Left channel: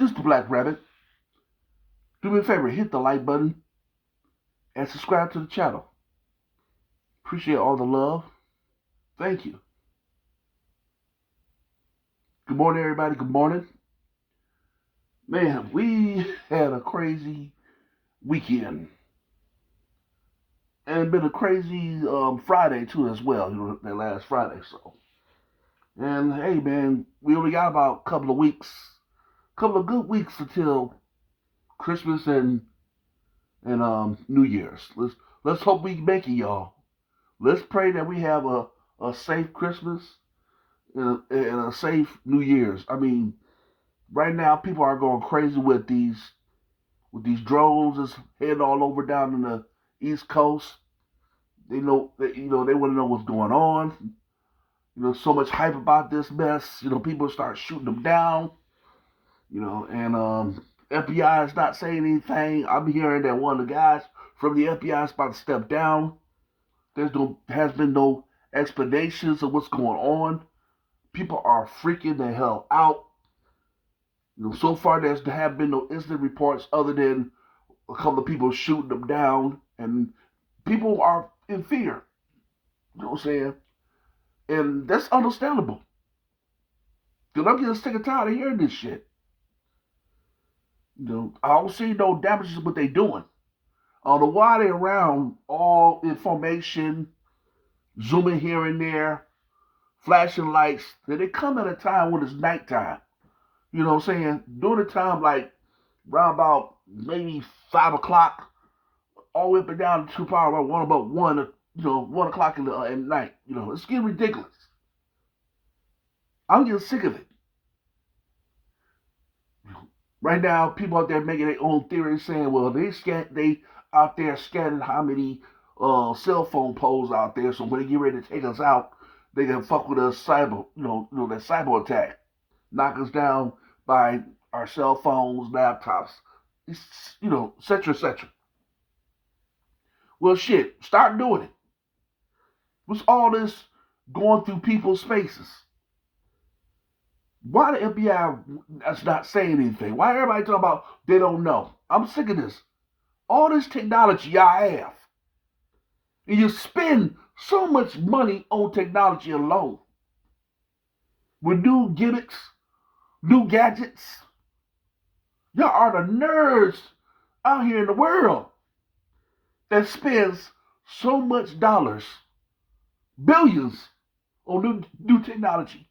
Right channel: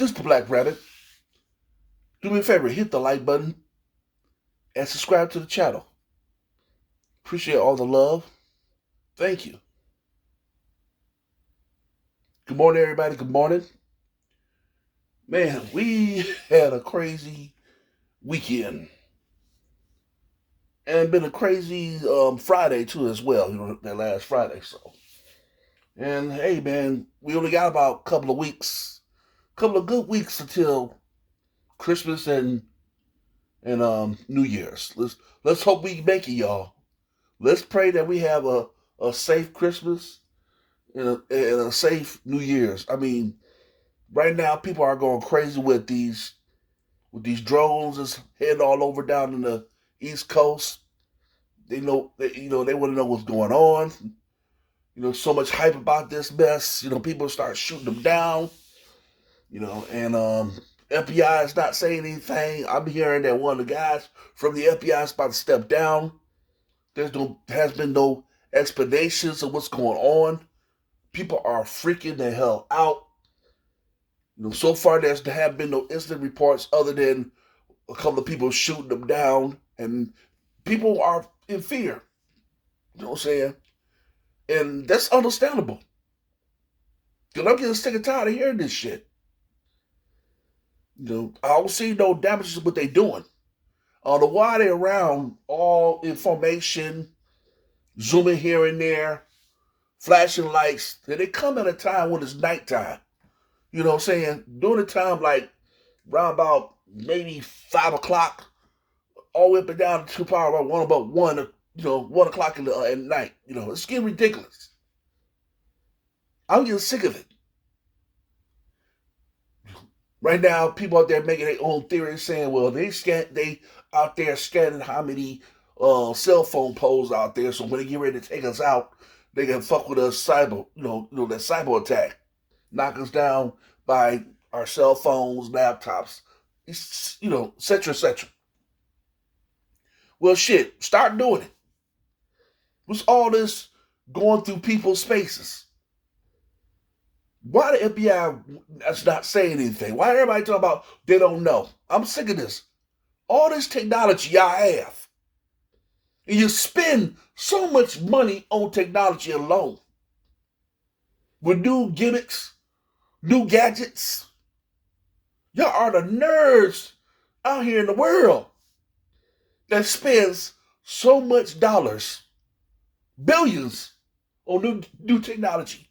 This is the Black Rabbit. Do me a favor, hit the like button and subscribe to the channel. Appreciate all the love. Thank you. Good morning, everybody. Good morning. Man, we had a crazy weekend. And been a crazy Friday, too, as well. That last Friday, so. And, hey, man, we only got about a couple of good weeks until Christmas and New Year's. Let's hope we make it, y'all. Let's pray that we have a safe Christmas and a safe New Year's. I mean, right now people are going crazy with these drones that's heading all over down in the East Coast. They know that they want to know what's going on. So much hype about this mess. People start shooting them down. And FBI is not saying anything. I'm hearing that one of the guys from the FBI is about to step down. Has been no explanations of what's going on. People are freaking the hell out. So far there have been no incident reports other than a couple of people shooting them down, and people are in fear. You know what I'm saying? And that's understandable. Because I'm getting sick and tired of hearing this shit. I don't see no damages to what they're doing. I don't know why they're around all information, zooming here and there, flashing lights. They come at a time when it's nighttime. You know what I'm saying? During the time like around about maybe 5 o'clock, all the way up and down to probably about 1 o'clock at night. It's getting ridiculous. I'm getting sick of it. Right now, people out there making their own theories, saying, "Well, they out there scanning how many cell phone poles out there, so when they get ready to take us out, they can fuck with us cyber, that cyber attack, knock us down by our cell phones, laptops, et cetera, et cetera." Well, shit, start doing it. What's all this going through people's spaces? Why the FBI is not saying anything? Why everybody talking about they don't know? I'm sick of this. All this technology y'all have. And you spend so much money on technology alone. With new gimmicks, new gadgets. Y'all are the nerds out here in the world that spends so much dollars, billions, on new technology.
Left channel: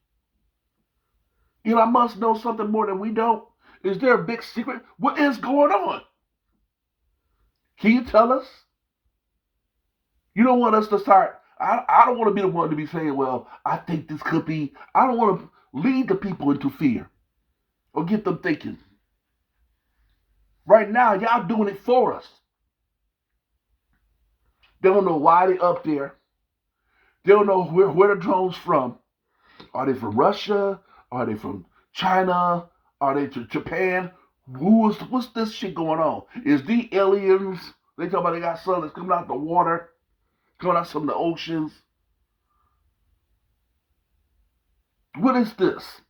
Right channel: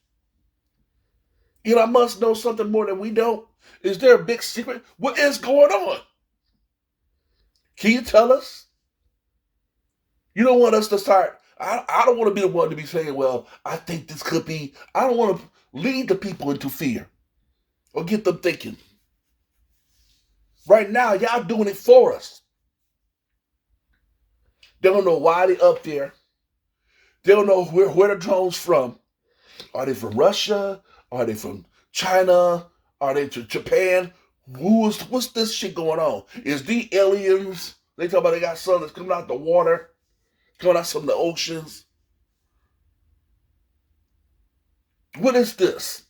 Elon Musk knows something more than we don't. Is there a big secret? What is going on? Can you tell us? You don't want us to start. I don't want to be the one to be saying, well, I think this could be. I don't want to lead the people into fear or get them thinking. Right now, y'all doing it for us. They don't know why they're up there. They don't know where the drones from. Are they from Russia? Are they from China? Are they to Japan? What's this shit going on? Is the aliens? They talk about they got something that's coming out the water, coming out from the oceans. What is this?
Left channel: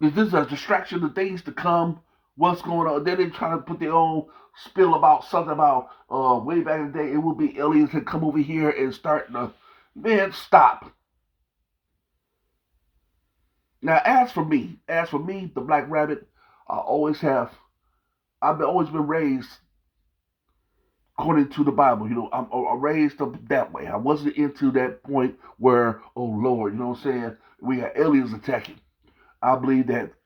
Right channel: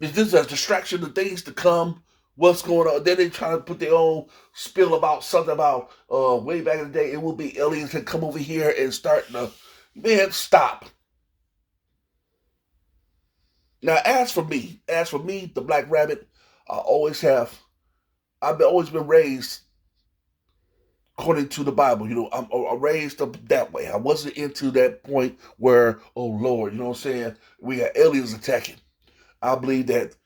Is this a distraction of things to come? What's going on? Then they try to put their own spill about something about way back in the day. It will be aliens that come over here and start the man. Stop. Now, as for me, the Black Rabbit, I've always been raised according to the Bible. I'm raised up that way. I wasn't into that point where, oh Lord, you know what I'm saying? We got aliens attacking. I believe that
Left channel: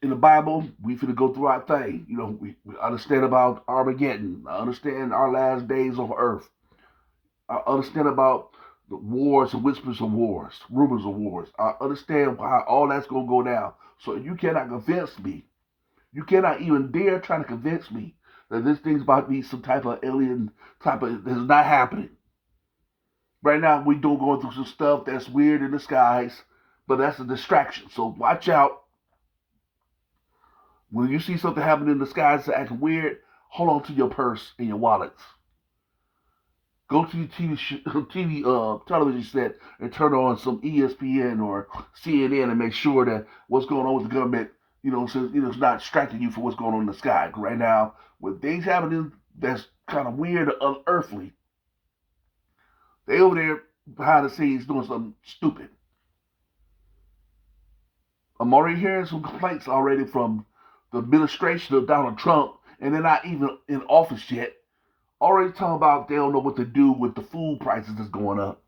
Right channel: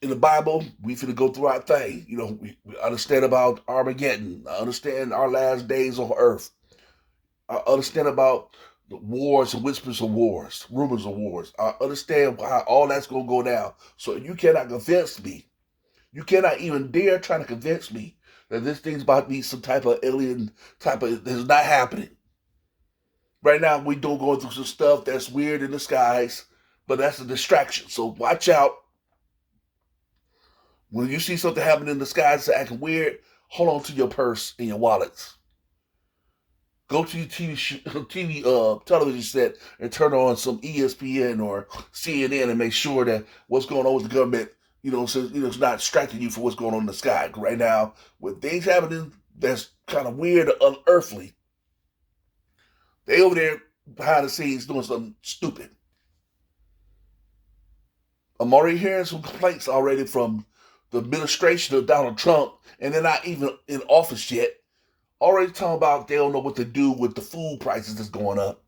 in the Bible, we finna go through our thing. We understand about Armageddon. I understand our last days on earth. I understand about the wars and whispers of wars, rumors of wars. I understand how all that's gonna go down. So you cannot convince me. You cannot even dare try to convince me that this thing's about to be some type of alien this is not happening. Right now we do going through some stuff that's weird in the skies, but that's a distraction. So watch out. When you see something happening in the skies that's acting weird, hold on to your purse and your wallets. Go to your TV television set and turn on some ESPN or CNN and make sure that what's going on with the government, so it's not distracting you from what's going on in the sky. Right now, with things happening that's kind of weird or unearthly, they over there behind the scenes doing something stupid. I'm already hearing some complaints already from the administration of Donald Trump, and they're not even in office yet. Already talking about they don't know what to do with the food prices that's going up,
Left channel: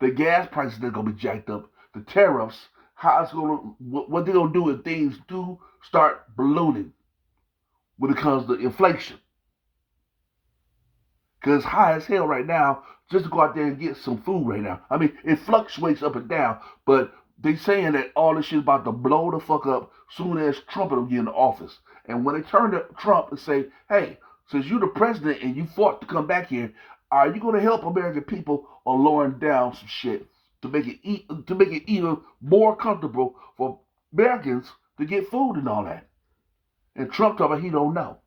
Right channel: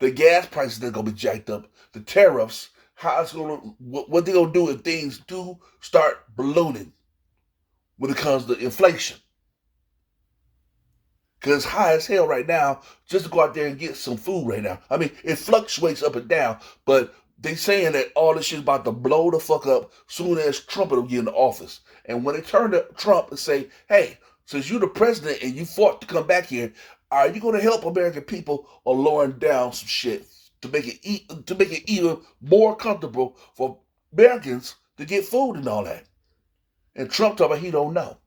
the gas prices that's gonna be jacked up, the tariffs, how it's gonna, what they're gonna do if things do start ballooning when it comes to inflation. Because it's high as hell right now just to go out there and get some food right now. I mean, it fluctuates up and down, but they saying that all this shit is about to blow the fuck up soon as Trump will get in the office. And when they turn to Trump and say, hey, since you're the president and you fought to come back here, are you going to help American people or lowering down some shit to make it even more comfortable for Americans to get food and all that? And Trump talking about he don't know.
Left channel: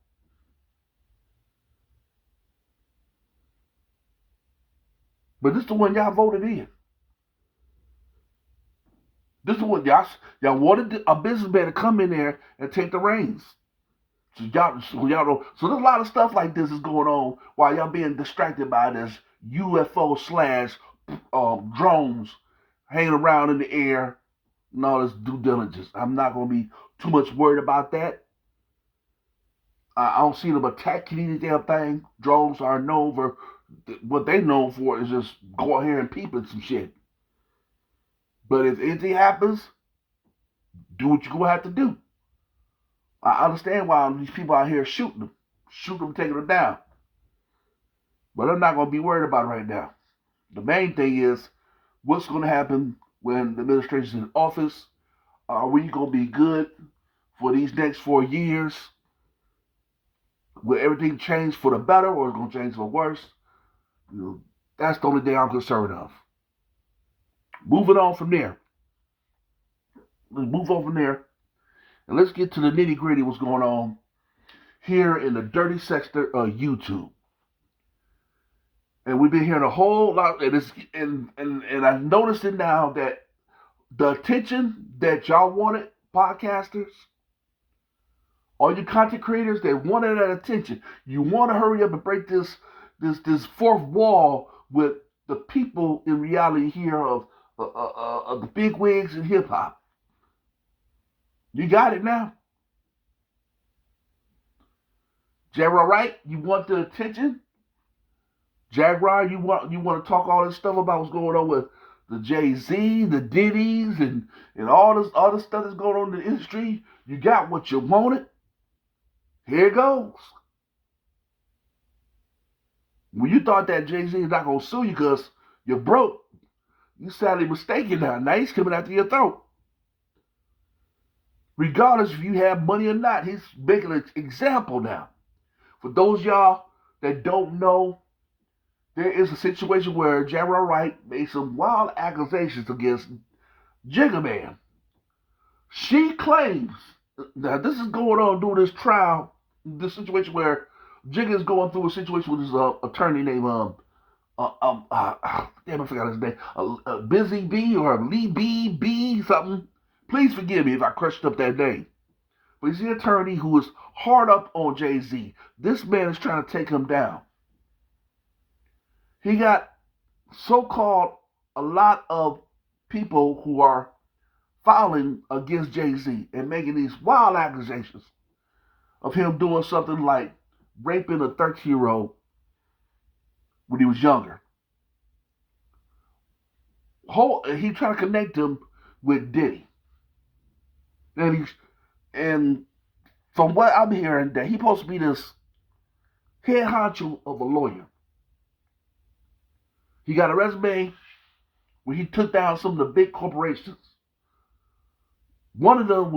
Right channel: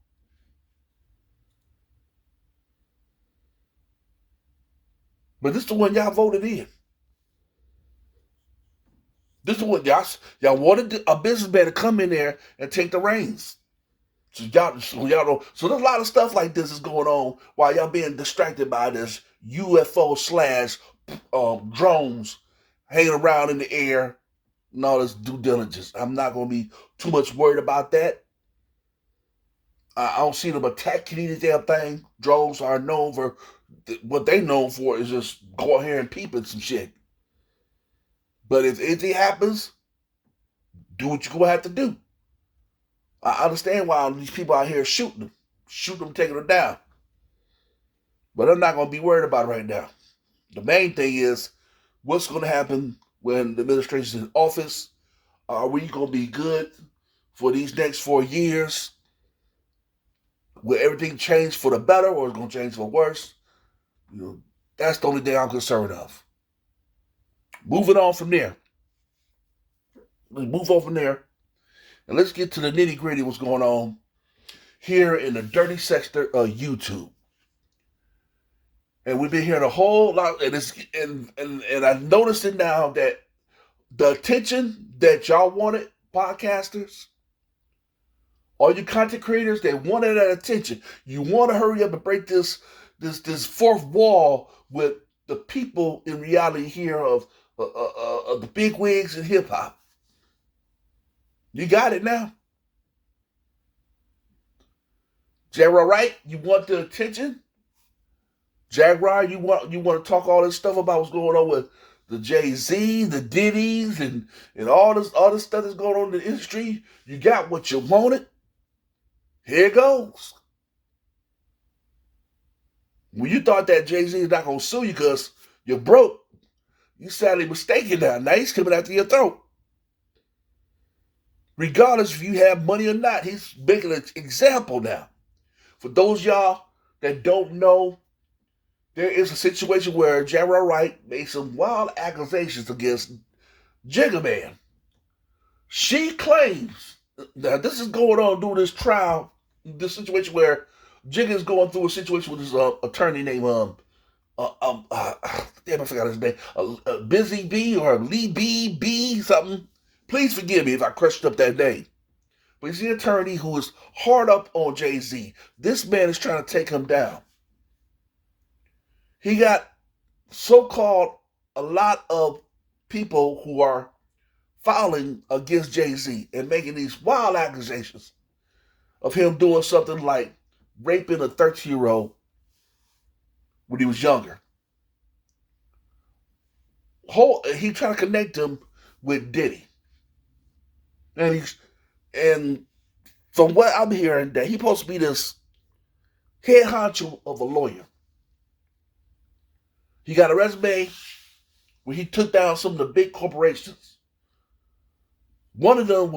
But this is the one y'all voted in. This is what y'all wanted a businessman to come in there and take the reins. So y'all know. So there's a lot of stuff like this is going on while y'all being distracted by this UFO slash drones hanging around in the air and all this due diligence. I'm not gonna be too much worried about that. I don't see them attacking any damn thing. Drones are known for what they known for is just go out here and peep at some shit. But if anything happens, do what you're gonna have to do. I understand why these people out here shooting them, taking them down. But I'm not gonna be worried about it right now. The main thing is what's gonna happen when the administration is in office. Are we gonna be good for these next 4 years? Will everything change for the better or is it gonna change for worse? That's the only thing I'm concerned of. Moving on from there. Let's move on from there. And let's get to the nitty gritty what's going on here in the dirty sector of YouTube. And we've been hearing a whole lot, and I've noticed it now that the attention that y'all wanted, podcasters, all you content creators, they wanted that attention. You want to hurry up and break this fourth wall with the people in reality here of the big wigs in hip hop. You got it now. Jaguar, Wright, you want the attention? Jaguar, you want to talk all this stuff about what's going on with the Jay-Z, the Diddy's, and all this other stuff that's going on in the industry? You got what you wanted? Here it goes. When you thought that Jay-Z is not going to sue you because you're broke, you sadly mistaken now. Now he's coming after your throat. Regardless if you have money or not, he's making an example now. For those y'all that don't know, there is a situation where Jaguar Wright made some wild accusations against Jigga Man. She claims, now this is going on during this trial, this situation where Jigga is going through a situation with his attorney named, damn, I forgot his name, Busy B or Lee B something. Please forgive me if I crushed up that name. But he's the attorney who is hard up on Jay-Z. This man is trying to take him down. He got so-called a lot of people who are filing against Jay-Z and making these wild accusations of him doing something like raping a 13-year-old when he was younger. He trying to connect him with Diddy. And from what I'm hearing, that he's supposed to be this head honcho of a lawyer. He got a resume where he took down some of the big corporations. One of them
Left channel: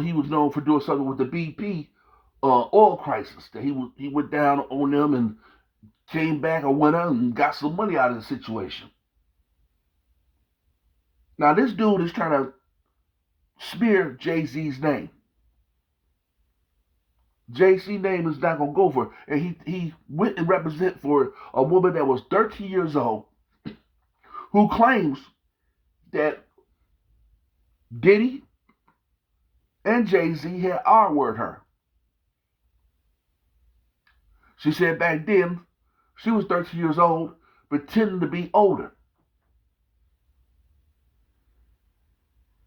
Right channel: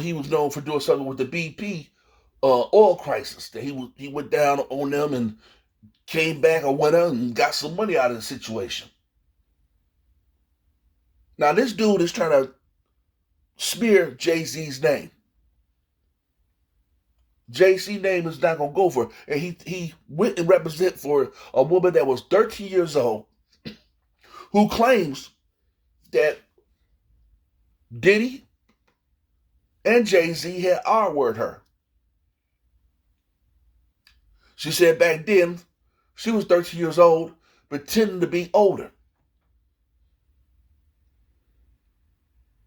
he was known for doing something with the BP oil crisis. That he went down on them and came back a winner and got some money out of the situation. Now this dude is trying to smear Jay-Z's name. JC name is not gonna go for it. And he went and represent for a woman that was 13 years old who claims that Diddy and Jay-Z had R-word her. She said back then she was 13 years old, pretending to be older.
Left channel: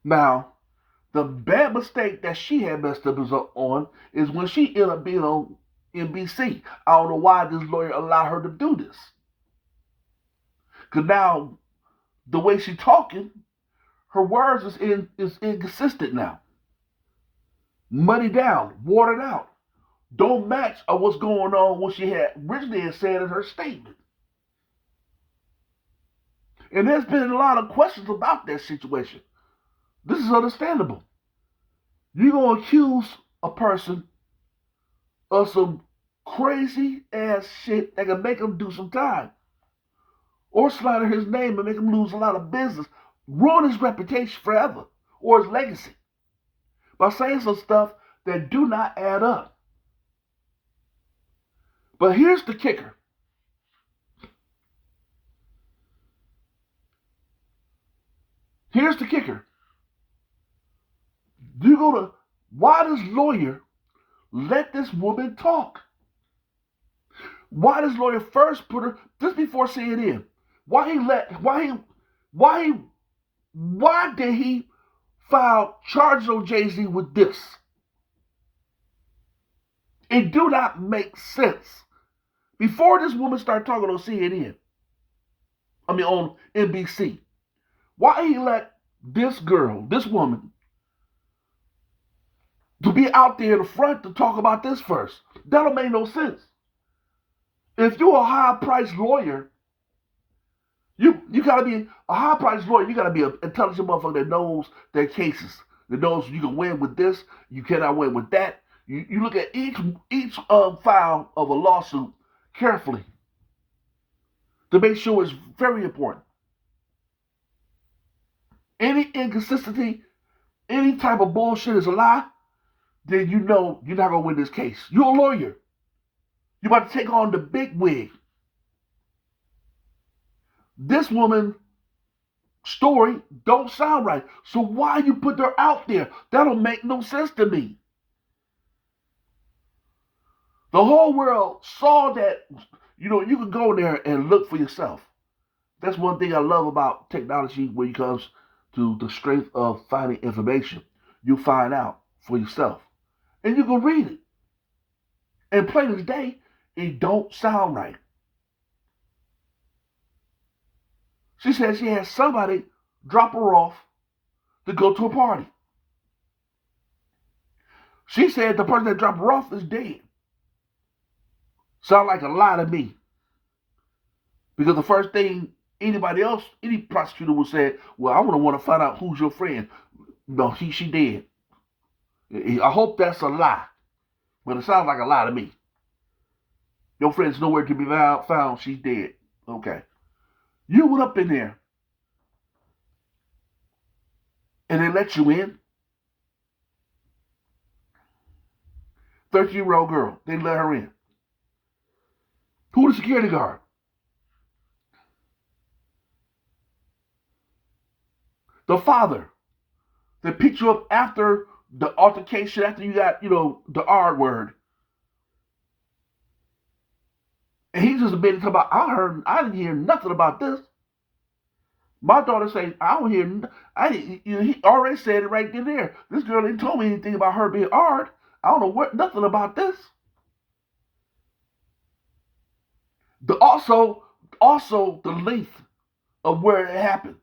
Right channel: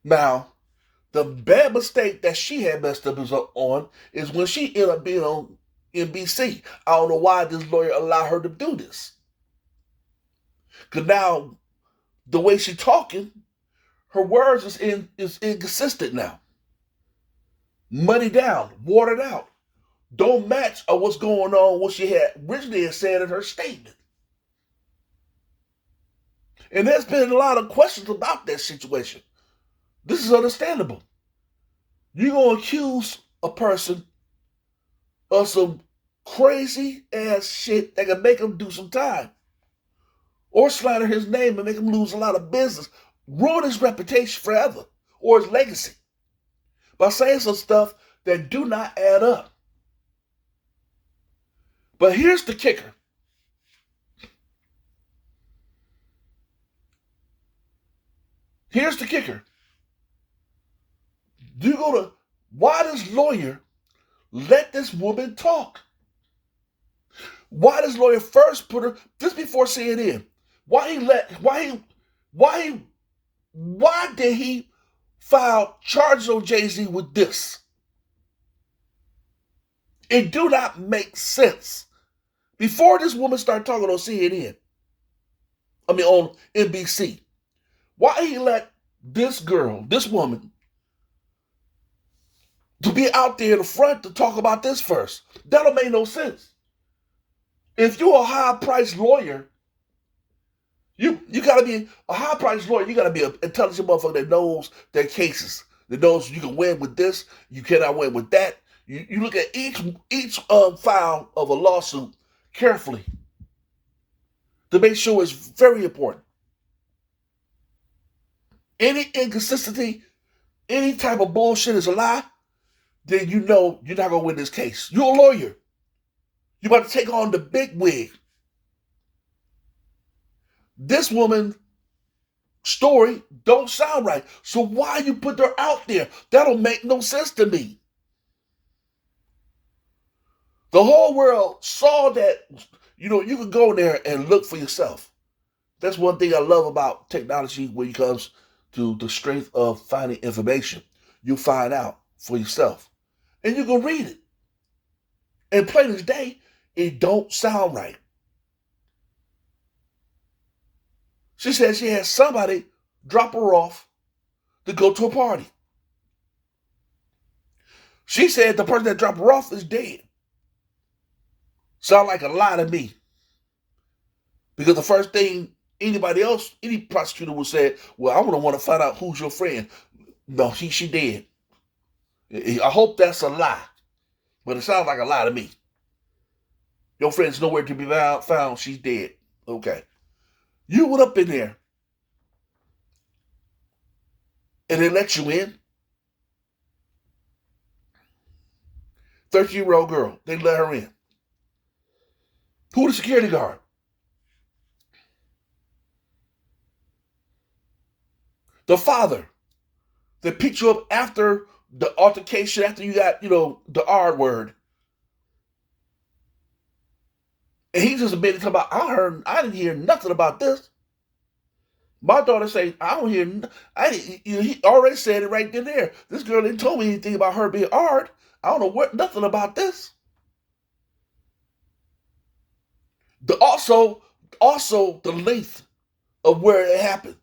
Now, the bad mistake that she had messed up on is when she ended up being on NBC. I don't know why this lawyer allowed her to do this. Because now, the way she's talking, her words is inconsistent now. Money down, watered out. Don't match what's going on, what she had originally said in her statement. And there's been a lot of questions about that situation. This is understandable. You're going to accuse a person of some crazy ass shit that can make him do some time. Or slander his name and make him lose a lot of business. Ruin his reputation forever. Or his legacy. By saying some stuff that do not add up. But here's the kicker. Here's the kicker. Why does lawyer let this woman talk? Why does lawyer first put her, just before CNN, why did he file charges on Jay-Z with this? It do not make sense. Before this woman started talking on CNN, on NBC, why he let this girl, this woman, to be out there in the front to talk about this first? That don't make no sense. If you're a high-priced lawyer, you gotta be a high-priced lawyer. You gotta be an intelligent motherfucker that knows their cases, that knows you can win with this, you cannot win with that. You look at each file of a lawsuit carefully to make sure it's very important. Any inconsistency, any type of bullshit is a lie, then you know you're not gonna win this case. You're a lawyer. You're about to take on the big wig. This woman's story don't sound right. So why you put her out there? That don't make no sense to me. The whole world saw that, you can go in there and look for yourself. That's one thing I love about technology when it comes to the strength of finding information. You find out for yourself. And you can read it. And plain as day, it don't sound right. She said she had somebody drop her off to go to a party. She said the person that dropped her off is dead. Sound like a lie to me. Because the first thing any prosecutor would say, well, I want to find out who's your friend. No, she dead. I hope that's a lie. But it sounds like a lie to me. Your friend's nowhere to be found. She's dead. Okay. You went up in there. And they let you in. 13-year-old girl. They let her in. Who the security guard? The father that picked you up after the altercation, after you got, the R word. And he just admitted about, I didn't hear nothing about this. My daughter say, he already said it right there. This girl didn't tell me anything about her being R'd. I don't know nothing about this. Also the length of where it happened.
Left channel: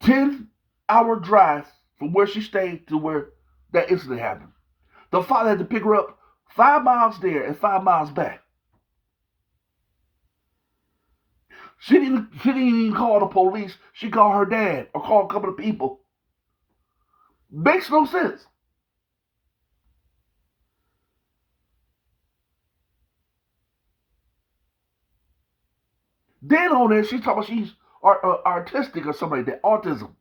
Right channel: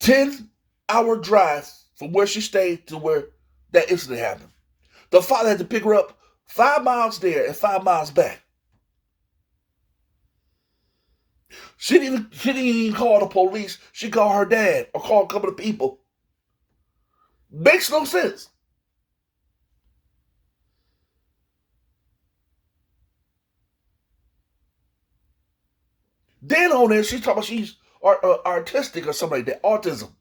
10-hour drive from where she stayed to where that incident happened. The father had to pick her up 5 miles there and 5 miles back. She didn't even call the police. She called her dad or called a couple of people. Makes no sense. Then on there, she's talking about she's artistic or something like that, autism.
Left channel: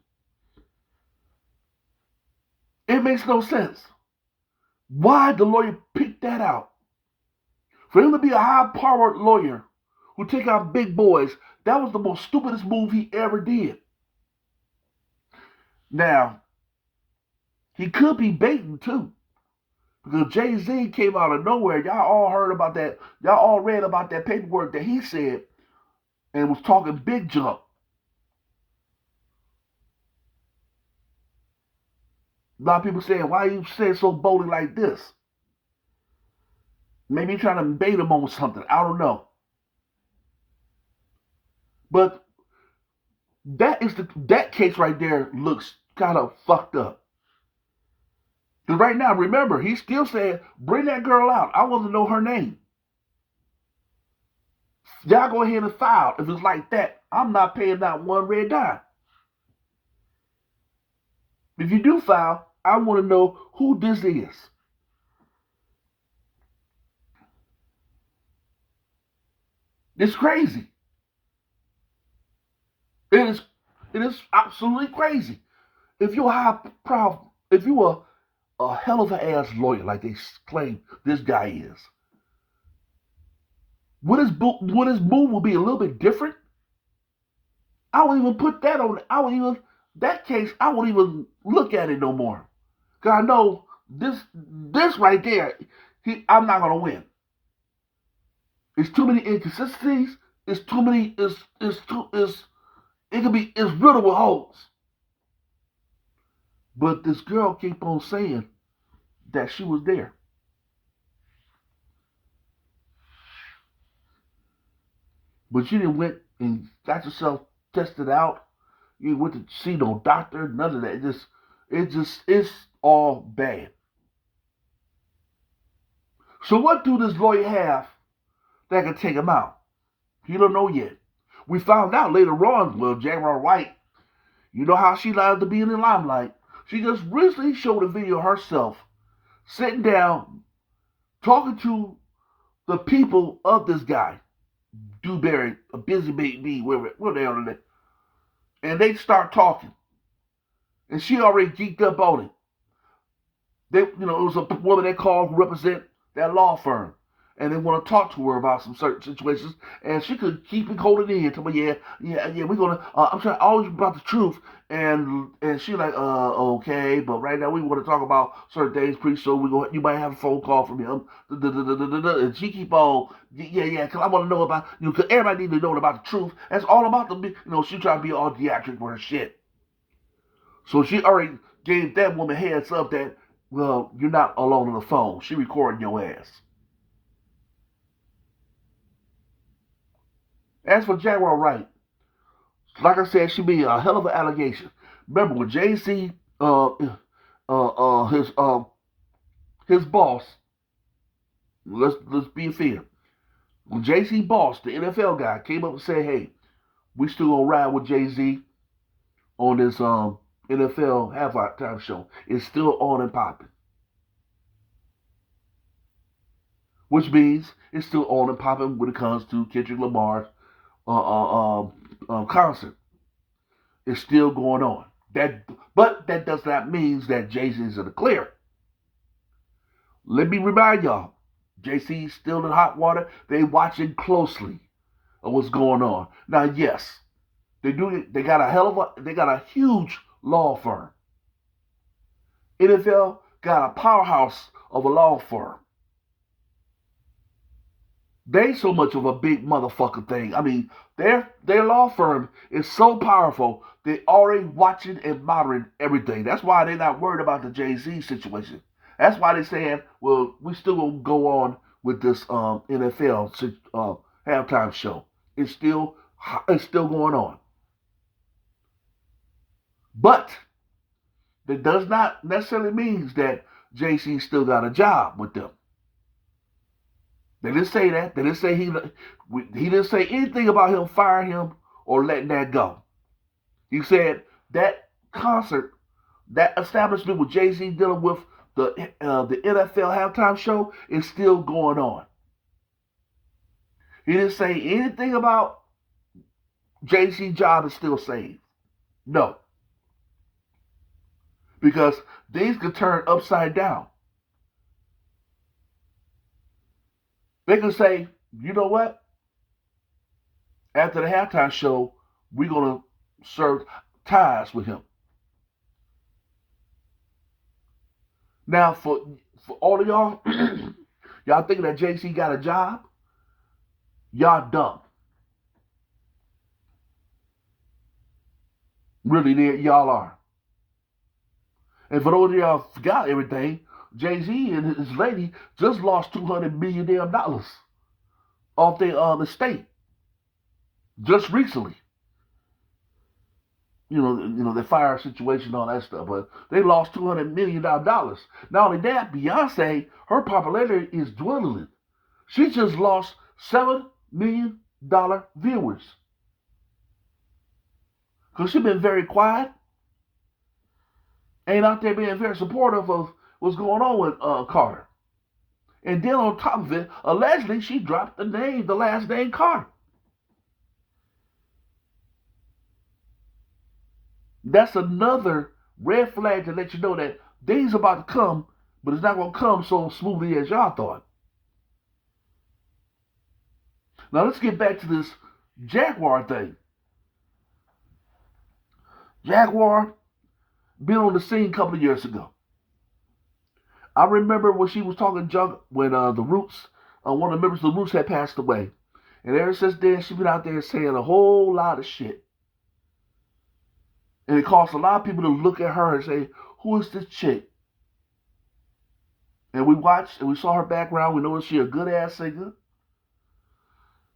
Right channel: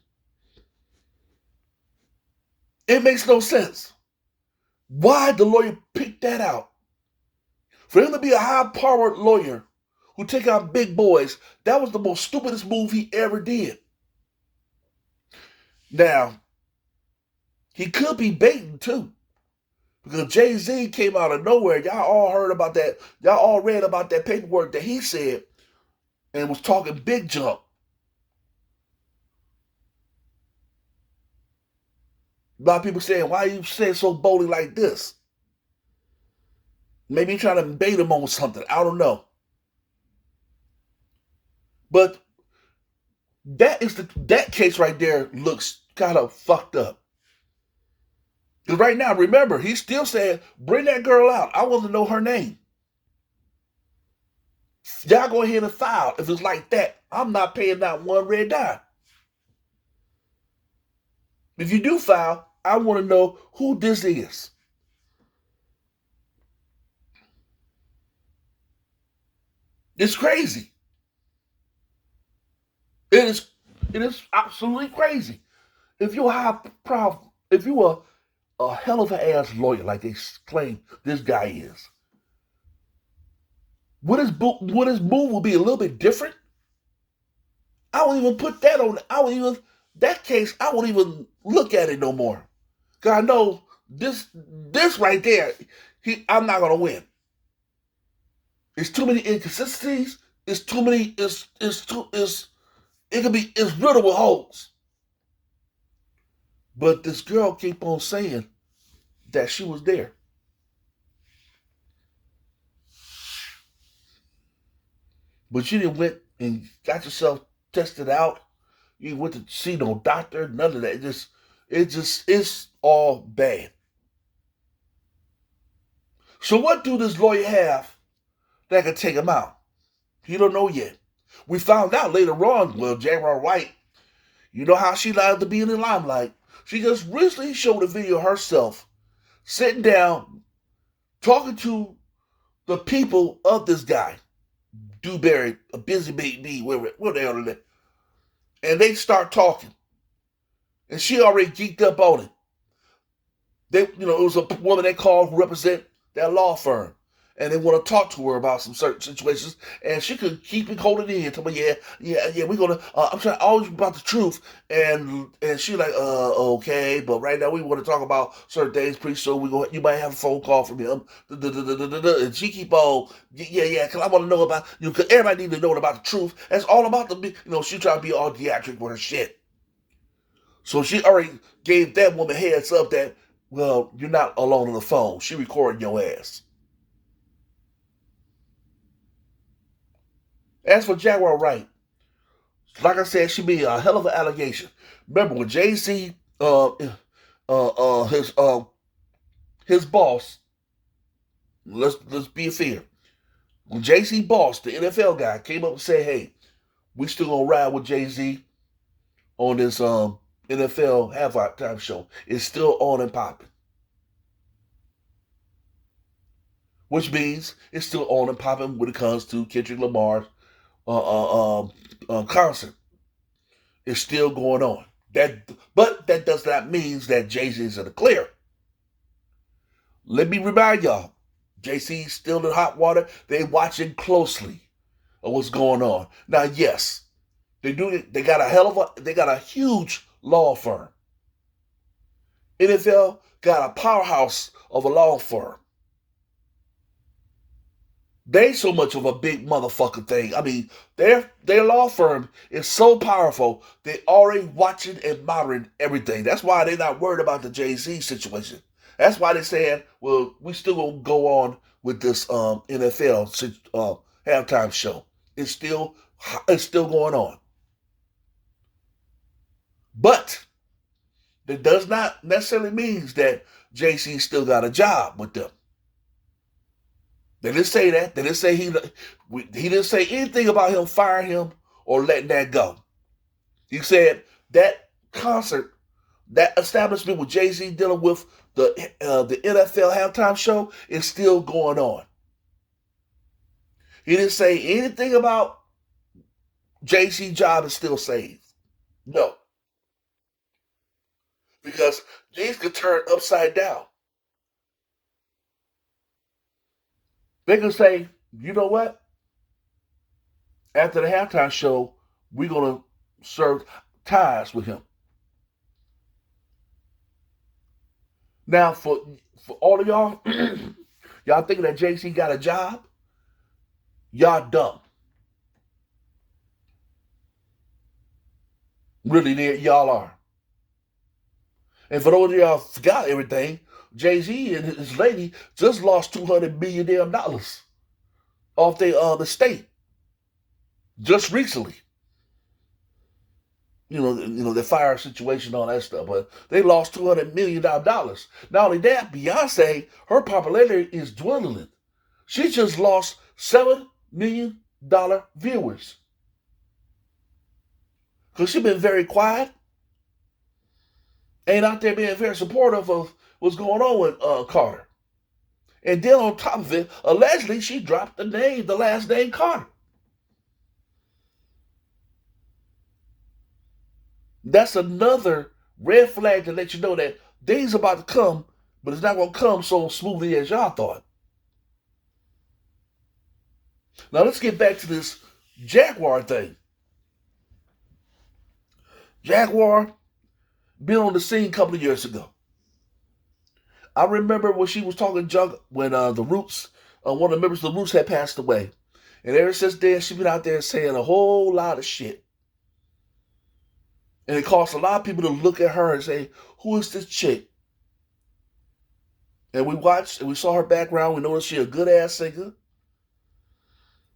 It makes no sense. Why the lawyer picked that out? For him to be a high-powered lawyer who take out big boys, that was the most stupidest move he ever did. Now, he could be baiting too. Because Jay-Z came out of nowhere. Y'all all heard about that. Y'all all read about that paperwork that he said and was talking big junk. A lot of people saying, why you saying so boldly like this? Maybe trying to bait him on something. I don't know. But that case right there looks kind of fucked up. Because right now, remember, he's still saying, bring that girl out. I want to know her name. Y'all go ahead and file. If it's like that, I'm not paying not one red dime. If you do file, I want to know who this is. It's crazy. It is. It is absolutely crazy. If you're if you are a hell of an ass lawyer like they claim this guy is, would his move will be a little bit different? I won't even put that on. I won't even that case. I won't even look at it no more. Cause I know this right there. I'm not gonna win. It's too many inconsistencies. It's too many. It could be. It's riddled with holes. But this girl keep on saying that she was there. But you didn't went and got yourself tested out. You went to see no doctor, none of that. It's all bad. So what do this lawyer have that can take him out? He don't know yet. We found out later on, well, Jaguar Wright, you know how she liked to be in the limelight. She just recently showed a video of herself sitting down, talking to the people of this guy, Dewberry, a busy baby, where they are, and they start talking, and she already geeked up on it. It was a woman they called who represent that law firm, and they want to talk to her about some certain situations, and she could keep it holding in. Tell me, yeah, we're gonna. I'm trying always about the truth, and she like, okay, but right now we want to talk about certain things. Pretty soon you might have a phone call from him, and she keep on, yeah, because I want to know about because everybody need to know about the truth. That's all about she trying to be all theatric with her shit. So she already gave that woman heads up that, well, you're not alone on the phone. She recording your ass. As for Jaguar Wright, like I said, she be a hell of an allegation. Remember when Jay-Z, his boss, let's be fair. When Jay-Z boss, the NFL guy, came up and said, "Hey, we still gonna ride with Jay-Z on this NFL halftime show. It's still on and popping." Which means it's still on and popping when it comes to Kendrick Lamar's concert. It's still going on. But that does not mean that Jay-Z is in the clear. Let me remind y'all, Jay-Z's still in hot water. They watching closely of what's going on. Now, yes, they got a huge law firm. NFL got a powerhouse of a law firm. They so much of a big motherfucker thing. I mean, their law firm is so powerful. They already watching and monitoring everything. That's why they're not worried about the Jay-Z situation. That's why they're saying, well, we still gonna go on with this NFL halftime show. It's still going on. But that does not necessarily mean that Jay-Z still got a job with them. They didn't say that. They didn't say he didn't say anything about him firing him or letting that go. He said that concert, that establishment with Jay-Z dealing with the NFL halftime show is still going on. He didn't say anything about Jay-Z's job is still saved. No. Because things could turn upside down. They can say, you know what? After the halftime show, we're gonna serve ties with him. Now, for all of y'all, y'all thinking that JC got a job? Y'all dumb. Really, y'all are. And for those of y'all forgot everything, Jay Z and his lady just lost $200 million off their estate just recently. The fire situation, all that stuff. But they lost $200 million. Not only that, Beyonce, her popularity is dwindling. She just lost $7 million viewers because she's been very quiet, ain't out there being very supportive of what's going on with Carter. And then on top of it, allegedly she dropped the last name Carter. That's another red flag to let you know that days about to come, but it's not going to come so smoothly as y'all thought. Now let's get back to this Jaguar thing. Jaguar been on the scene a couple of years ago. I remember when she was talking junk when the Roots, one of the members of the Roots had passed away. And ever since then, she's been out there saying a whole lot of shit. And it caused a lot of people to look at her and say, who is this chick? And we watched and we saw her background. We noticed she's a good ass singer.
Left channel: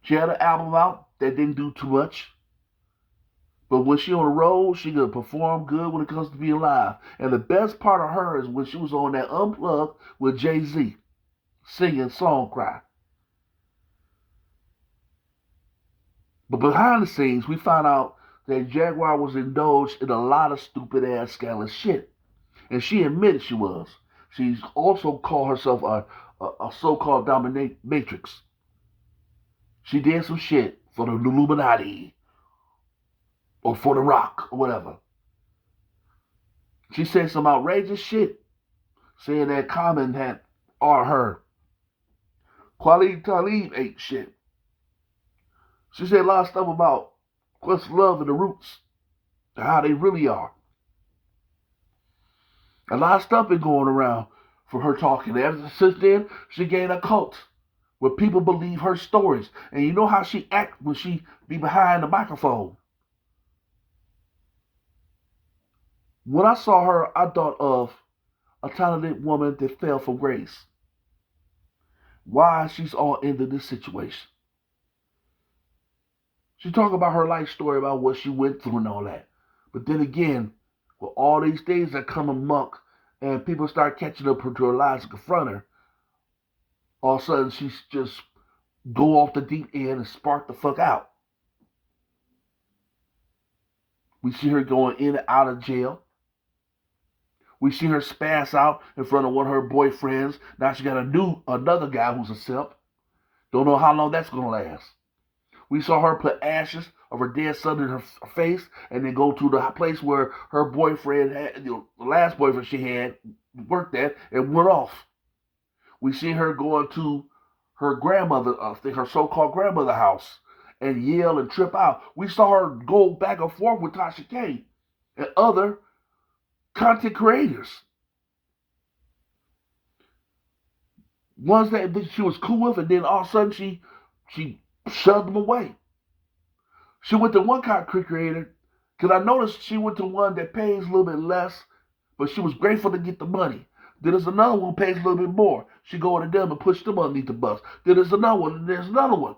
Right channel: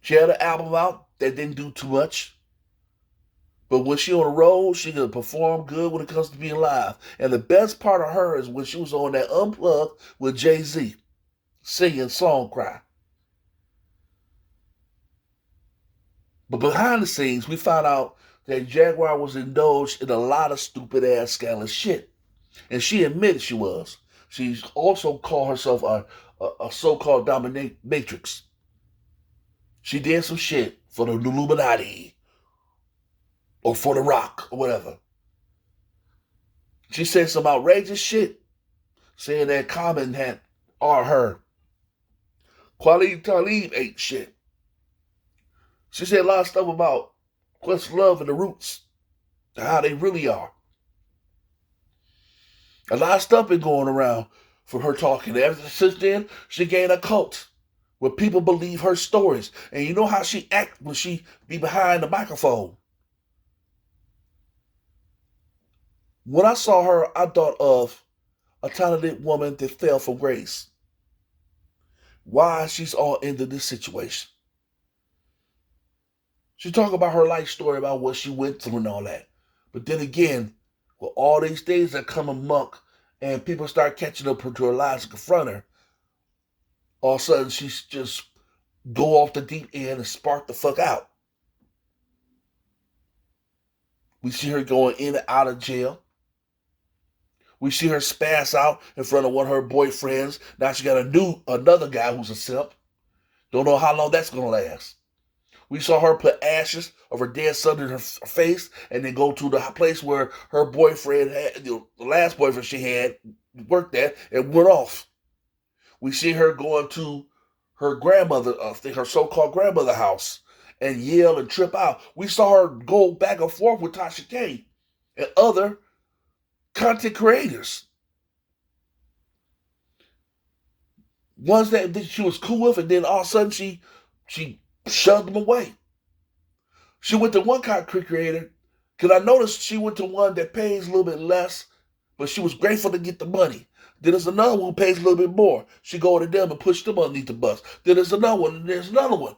She had an album out that didn't do too much. But when she on the road, she can perform good when it comes to being live. And the best part of her is when she was on that Unplugged with Jay-Z, singing Song Cry. But behind the scenes, we found out that Jaguar was indulged in a lot of stupid ass scandalous shit. And she admitted she was. She also called herself a so-called dominatrix. She did some shit for the Illuminati or for the Rock or whatever. She said some outrageous shit, saying that Common had or her. Khalid Talib ain't shit. She said a lot of stuff about Questlove and the Roots, how they really are. A lot of stuff been going around for her talking. Ever since then, she gained a cult where people believe her stories. And you know how she act when she be behind the microphone. When I saw her, I thought of a talented woman that fell from grace. Why she's all into this situation. She talked about her life story, about what she went through and all that. But then again, with all these things that come amok and people start catching up to her lives and confront her, all of a sudden she's just go off the deep end and spark the fuck out. We see her going in and out of jail. We see her spaz out in front of one of her boyfriends. Now she got another guy who's a simp. Don't know how long that's going to last. We saw her put ashes of her dead son in her face and then go to the place where her boyfriend had, the last boyfriend she had, worked at and went off. We see her going to her grandmother, her so-called grandmother house and yell and trip out. We saw her go back and forth with Tasha K and other content creators. Ones that she was cool with, and then all of a sudden she shoved them away. She went to one content creator, because I noticed she went to one that pays a little bit less, but she was grateful to get the money. Then there's another one who pays a little bit more. She go to them and push them underneath the bus. Then there's another one, and there's another one.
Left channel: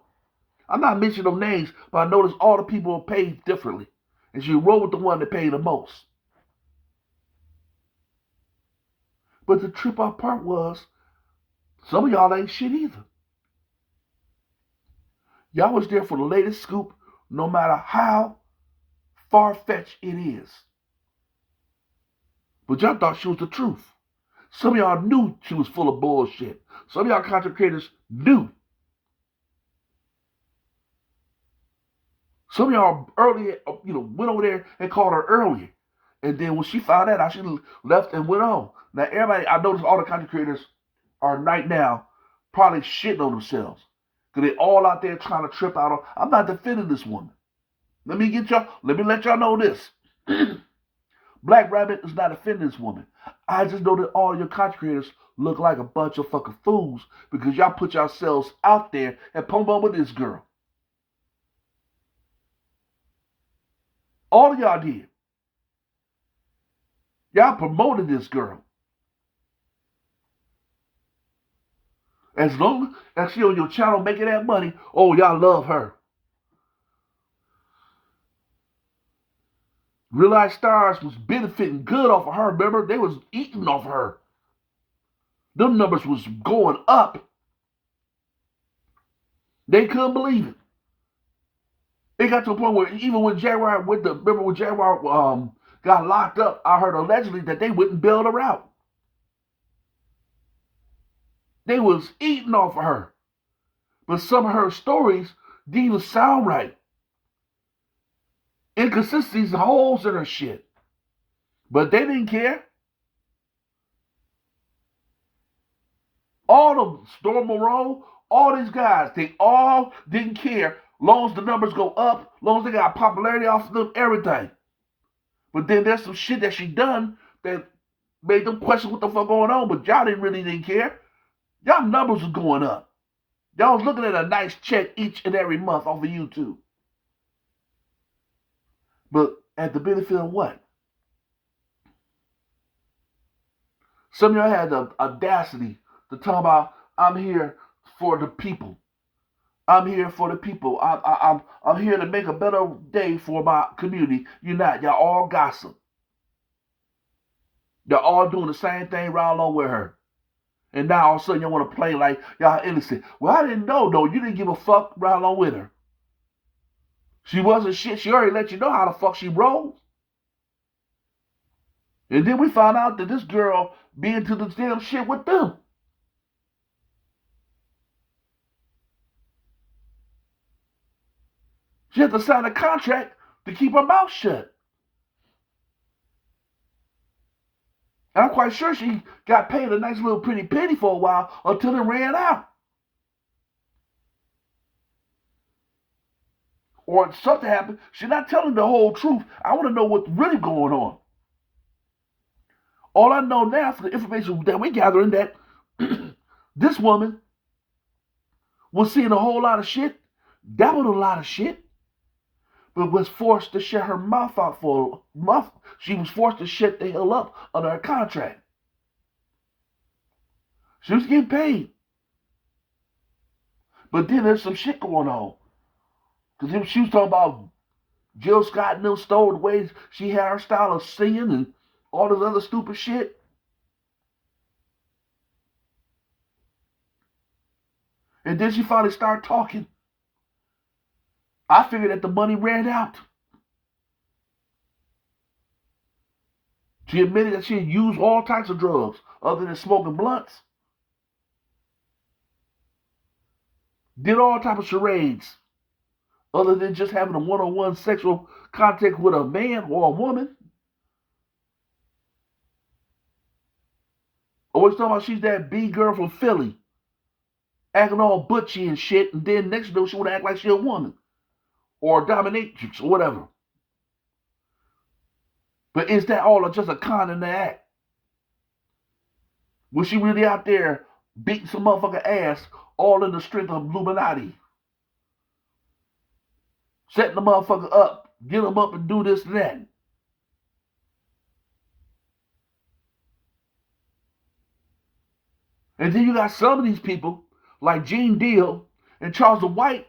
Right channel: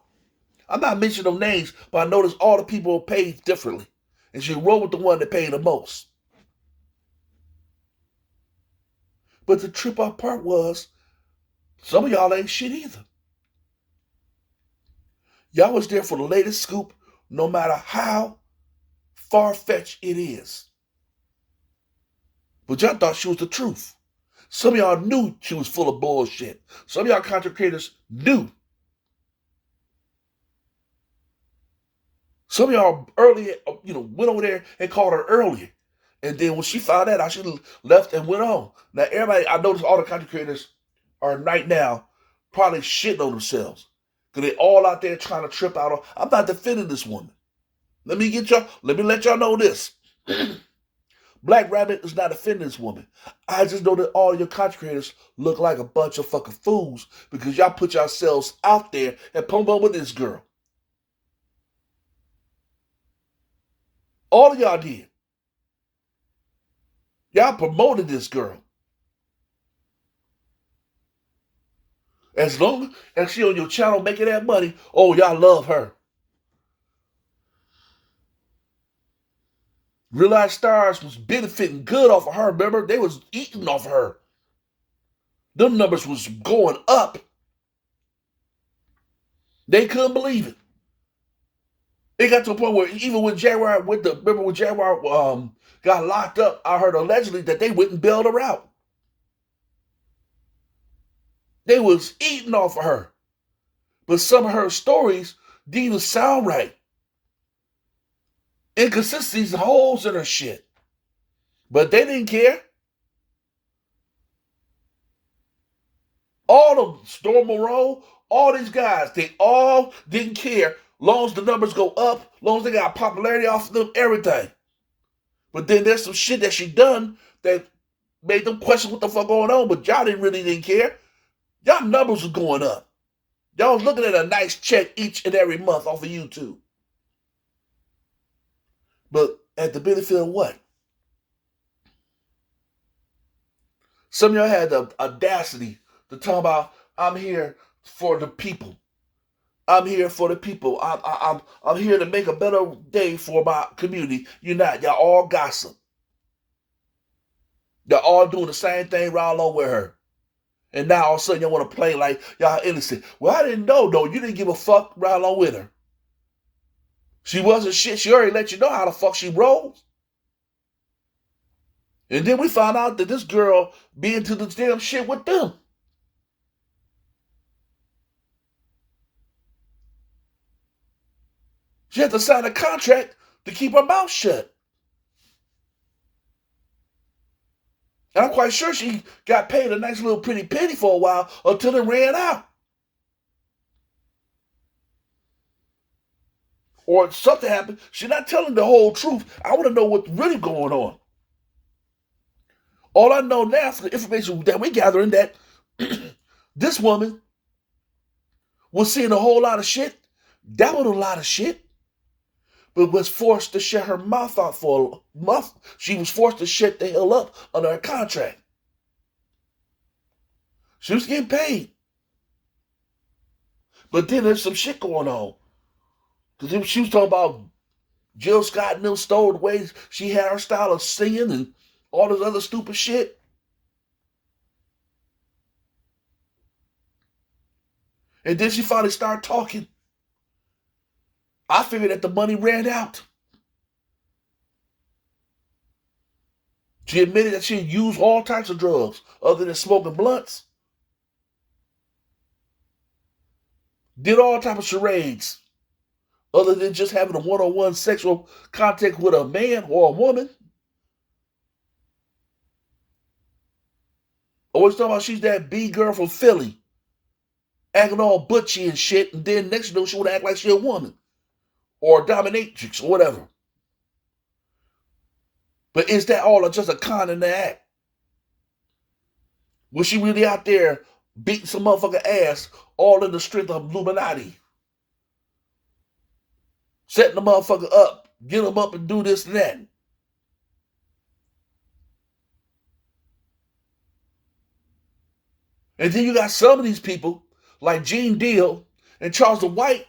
I'm not mentioning no names, but I noticed all the people paid differently. And she rolled with the one that paid the most. But the trip out part was, some of y'all ain't shit either. Y'all was there for the latest scoop, no matter how far-fetched it is. But y'all thought she was the truth. Some of y'all knew she was full of bullshit. Some of y'all content creators knew. Some of y'all earlier, went over there and called her earlier. And then when she found that out, she left and went on. Now, everybody, I noticed all the content creators are right now probably shitting on themselves. Because they all out there trying to trip out on. I'm not defending this woman. Let me let y'all know this. Black Rabbit is not offending this woman. I just know that all your content creators look like a bunch of fucking fools because y'all put yourselves out there and promote with this girl. All of y'all did. Y'all promoted this girl. As long as she on your channel making that money, oh, y'all love her. Real Life Stars was benefiting good off of her. Remember, they was eating off of her. Them numbers was going up. They couldn't believe it. It got to a point where even when Jaguar remember when Jaguar got locked up, I heard allegedly that they wouldn't bail her out. They was eating off of her. But some of her stories didn't even sound right. Inconsistencies, holes in her shit. But they didn't care. All of them, Storm Moreau, all these guys, they all didn't care. Long as the numbers go up, long as they got popularity off of them, everything. But then there's some shit that she done that made them question what the fuck going on. But y'all didn't care. Y'all numbers was going up. Y'all was looking at a nice check each and every month off of YouTube. But at the benefit of what? Some of y'all had the audacity to talk about, I'm here for the people. I'm here for the people. I'm here to make a better day for my community. You're not. Y'all all gossip. Y'all all doing the same thing right along with her. And now all of a sudden y'all want to play like y'all innocent. Well, I didn't know, though. You didn't give a fuck right along with her. She wasn't shit. She already let you know how the fuck she rolls. And then we found out that this girl be into the damn shit with them. She had to sign a contract to keep her mouth shut. And I'm quite sure she got paid a nice little pretty penny for a while until it ran out. Or something happened. She's not telling the whole truth. I want to know what's really going on. All I know now from the information that we're gathering that this woman was seeing a whole lot of shit, dabbled a lot of shit, but was forced to shut her mouth out for a month. She was forced to shut the hell up under her contract. She was getting paid. But then there's some shit going on. Because she was talking about Jill Scott and them stole the way she had her style of singing and all this other stupid shit. And then she finally started talking. I figured that the money ran out. She admitted that she had used all types of drugs other than smoking blunts. Did all types of charades other than just having a one-on-one sexual contact with a man or a woman. Always talking about she's that B girl from Philly, acting all butchy and shit, and then next you know she want to act like she a woman or a dominatrix or whatever. But is that all just a con in the act? Was she really out there beating some motherfucker ass all in the strength of Illuminati? Setting the motherfucker up, get him up and do this and that. And then you got some of these people, like Gene Deal and Charles White,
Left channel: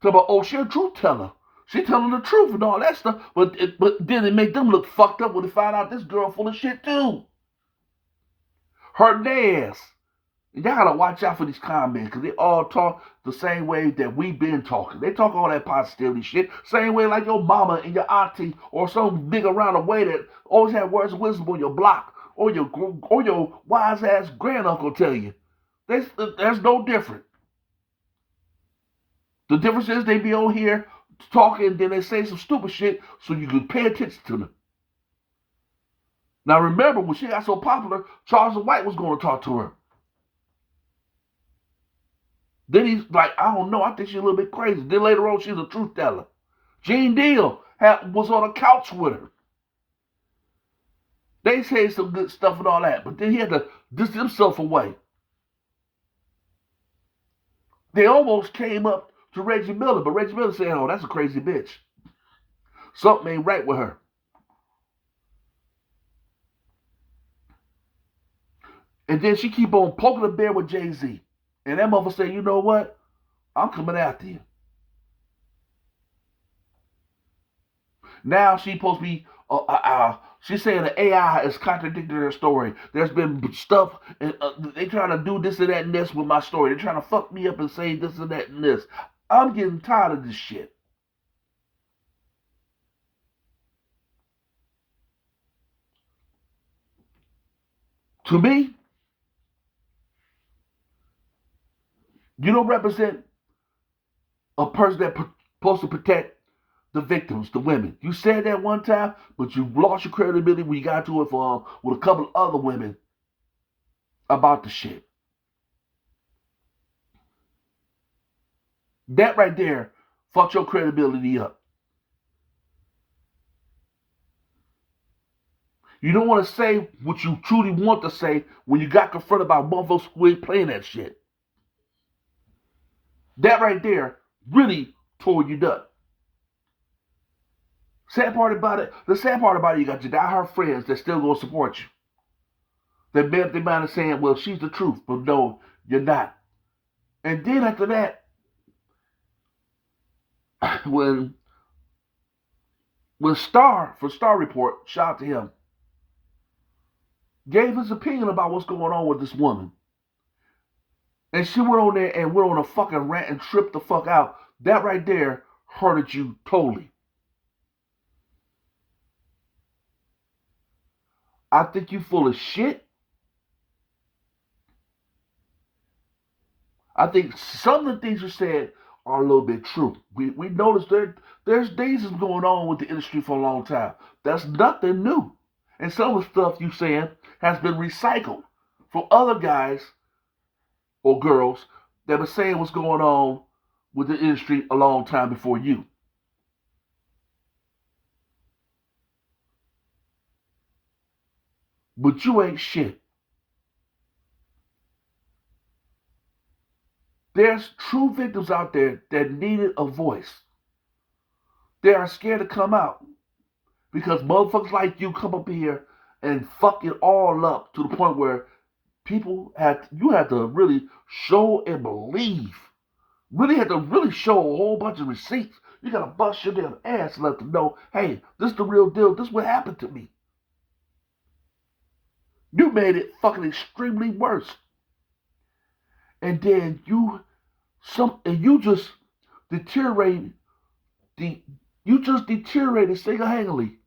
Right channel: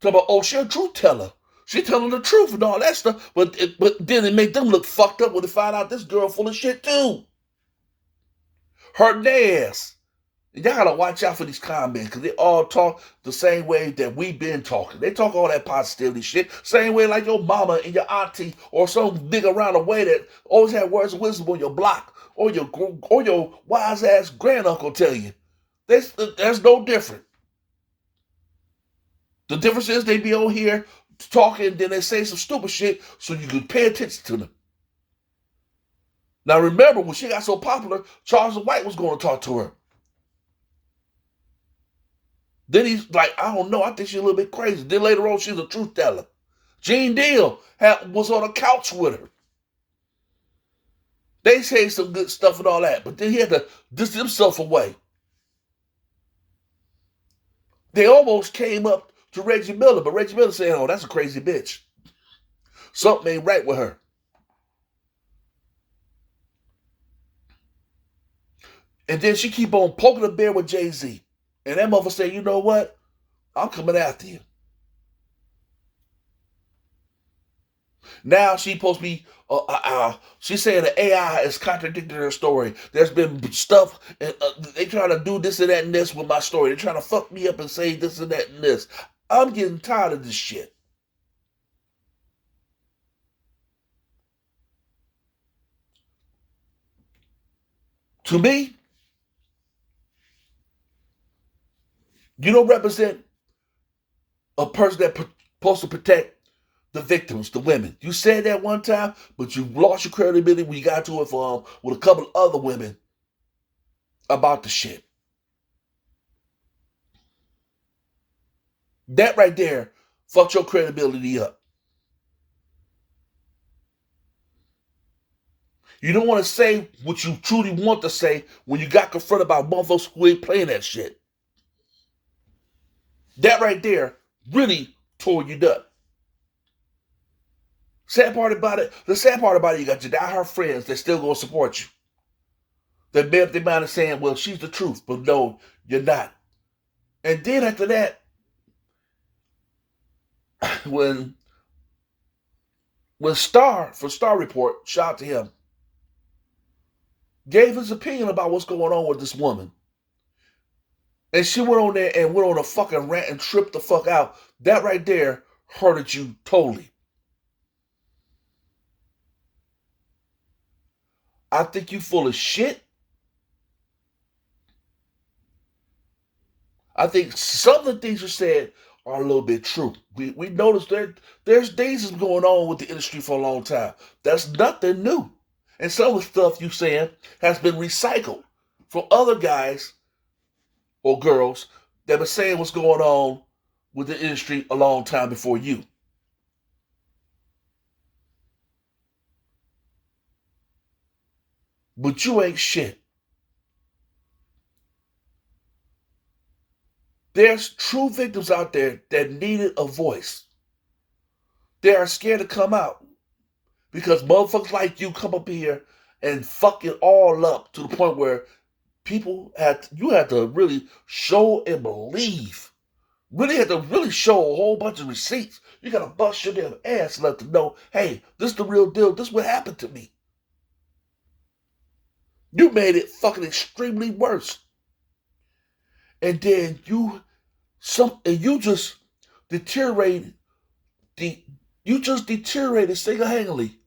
talking about, oh, she a truth teller. She telling the truth and all that stuff. But then it make them look fucked up when they find out this girl full of shit too. Hurting their ass. Y'all gotta watch out for these comments because they all talk the same way that we've been talking. They talk all that positivity shit, same way like your mama and your auntie or some nigga around the way that always had words of wisdom on your block or your wise ass granduncle tell you. There's no different. The difference is they be on here talking and then they say some stupid shit so you can pay attention to them. Now remember when she got so popular, Charles White was going to talk to her. Then he's like, I don't know, I think she's a little bit crazy. Then later on, she's a truth teller. Gene Deal was on a couch with her. They say some good stuff and all that, but then he had to distance himself away. They almost came up to Reggie Miller, but Reggie Miller said, oh, that's a crazy bitch. Something ain't right with her. And then she keep on poking the bear with Jay-Z. And that mother say, you know what? I'm coming after you. Now she supposed to be, she's saying the AI is contradicting her story. There's been stuff, and they trying to do this and that and this with my story. They're trying to fuck me up and say this and that and this. I'm getting tired of this shit. To me, you don't represent a person that's supposed to protect the victims, the women. You said that one time, but you lost your credibility when you got to it with a couple of other women about the shit. That right there fucked your credibility up. You don't want to say what you truly want to say when you got confronted by motherfuckers who ain't playing that shit. That right there really tore you up. The sad part about it, you got your diehard friends that still gonna support you. They made up their mind and saying, well, she's the truth, but no, you're not. And then after that, when Star Report, shout out to him, gave his opinion about what's going on with this woman. And she went on there and went on a fucking rant and tripped the fuck out. That right there hurted you totally. I think you full of shit. I think some of the things you said are a little bit true. We noticed there's things that's going on with the industry for a long time. That's nothing new. And some of the stuff you saying has been recycled from other guys or girls that were saying what's going on with the industry a long time before you. But you ain't shit. There's true victims out there that needed a voice. They are scared to come out because motherfuckers like you come up here and fuck it all up to the point where you had to really show and believe. Really had to really show a whole bunch of receipts. You gotta bust your damn ass and let them know, hey, this is the real deal. This is what happened to me. You made it fucking extremely worse. And then you just deteriorated single-handedly.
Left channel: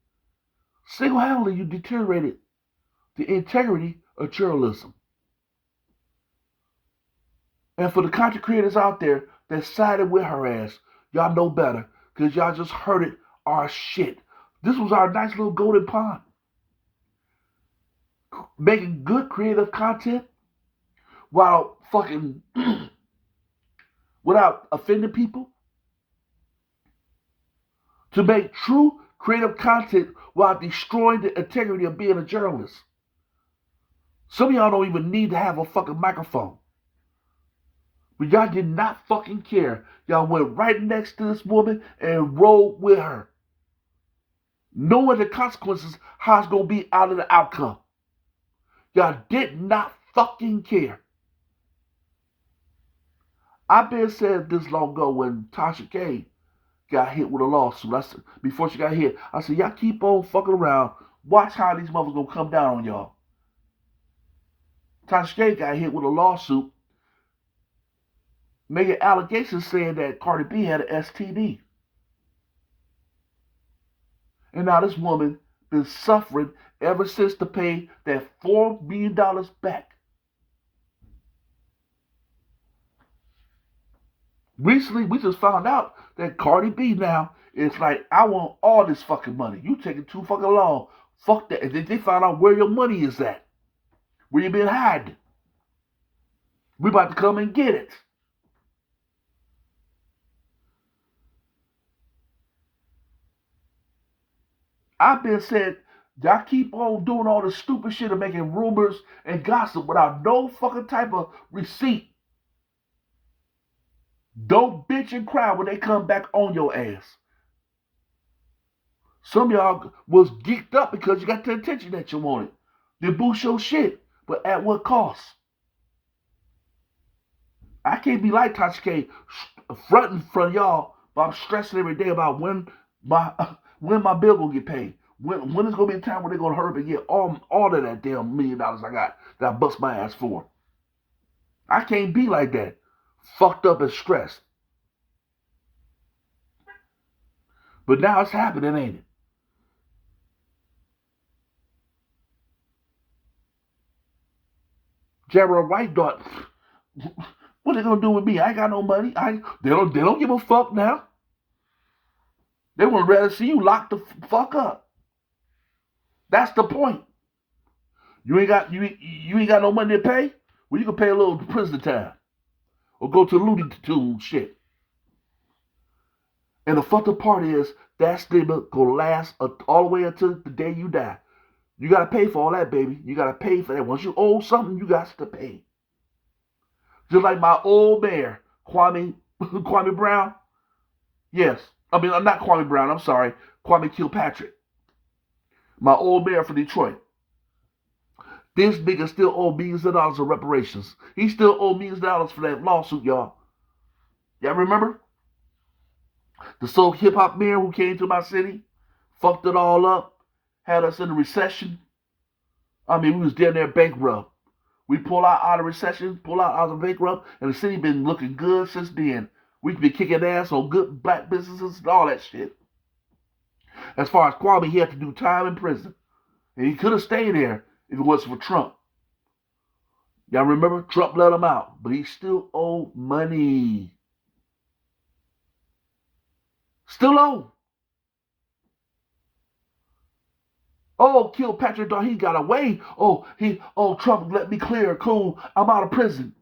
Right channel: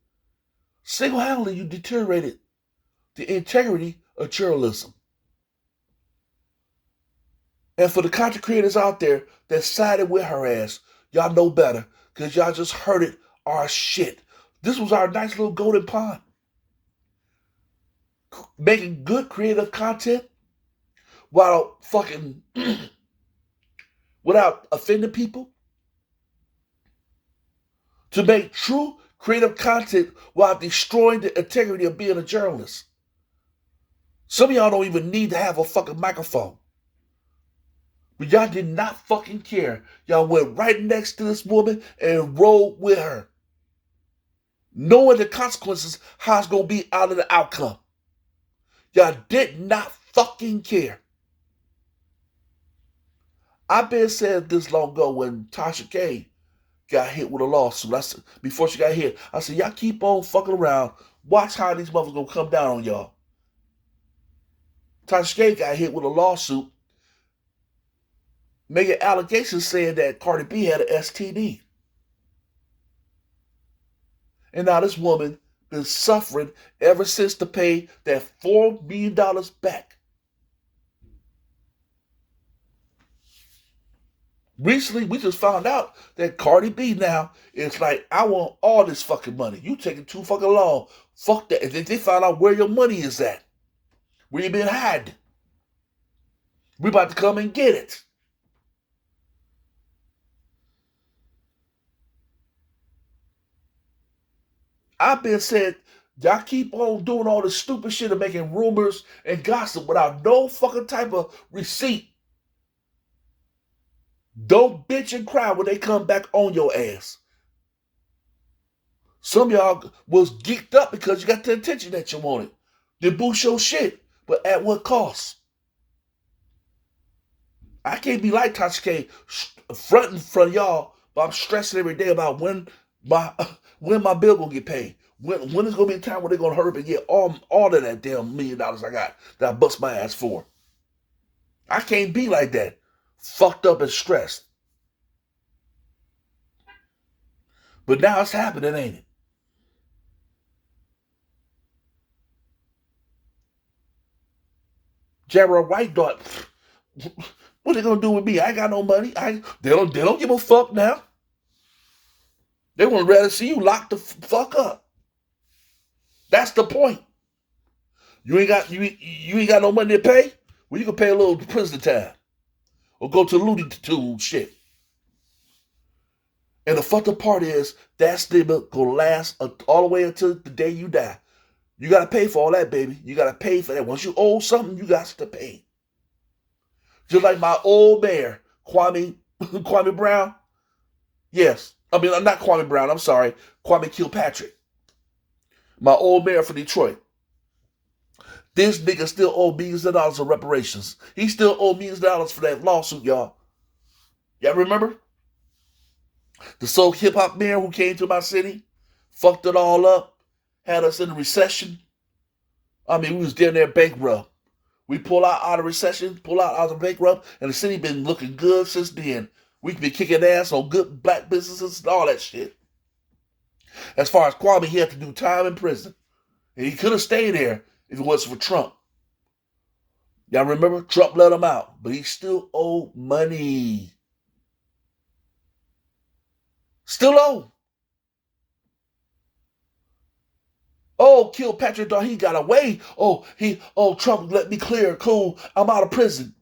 Single-handedly you deteriorated the integrity of journalism. And for the content creators out there that sided with her ass, y'all know better because y'all just hurted our shit. This was our nice little golden pond. Making good creative content while fucking without offending people. To make true creative content while destroying the integrity of being a journalist. Some of y'all don't even need to have a fucking microphone. But y'all did not fucking care. Y'all went right next to this woman and rolled with her. Knowing the consequences, how it's going to be out of the outcome. Y'all did not fucking care. I've been saying this long ago when Tasha K got hit with a lawsuit. Before she got hit, I said, y'all keep on fucking around. Watch how these motherfuckers gonna come down on y'all. Tasha K got hit with a lawsuit making allegations saying that Cardi B had an STD. And now this woman been suffering ever since to pay that $4 million back. Recently, we just found out that Cardi B now is like, I want all this fucking money. You taking too fucking long. Fuck that. And then they found out where your money is at. Where you been hiding. We about to come and get it. I've been said, y'all keep on doing all this stupid shit and making rumors and gossip without no fucking type of receipt. Don't bitch and cry when they come back on your ass. Some of y'all was geeked up because you got the attention that you wanted. You boost your shit, but at what cost? I can't be like Tasha K fronting in front of y'all, but I'm stressing every day about when my bill gonna get paid. When is gonna be a time when they're gonna hurry and get all of that damn $1 million I got that I bust my ass for? I can't be like that, fucked up and stressed. But now it's happening, ain't it? Jaguar Wright thought, what are they gonna do with me? I ain't got no money. They don't give a fuck now. They would rather see you locked the fuck up. That's the point. You ain't got no money to pay? Well, you can pay a little prison time. Or go to the Looney Tunes shit. And the fucked up part is that stigma gonna last all the way until the day you die. You gotta pay for all that, baby. You gotta pay for that. Once you owe something, you got to pay. Just like my old mayor, Kwame Brown. Yes. I mean, I'm not Kwame Brown, I'm sorry. Kwame Kilpatrick. My old mayor for Detroit. This nigga still owe millions of dollars of reparations. He still owe millions of dollars for that lawsuit, y'all. Y'all remember? The soul hip hop mayor who came to my city, fucked it all up, had us in a recession. I mean, we was down there bankrupt. We pull out of recession, pull out of bankrupt, and the city been looking good since then. We've been kicking ass on good black businesses and all that shit. As far as Kwame, he had to do time in prison. And he could have stayed there if it wasn't for Trump. Y'all remember? Trump let him out, but he still owed money. Still owe. Oh, Kilpatrick thought he got away. Trump let me clear. Cool. I'm out of prison.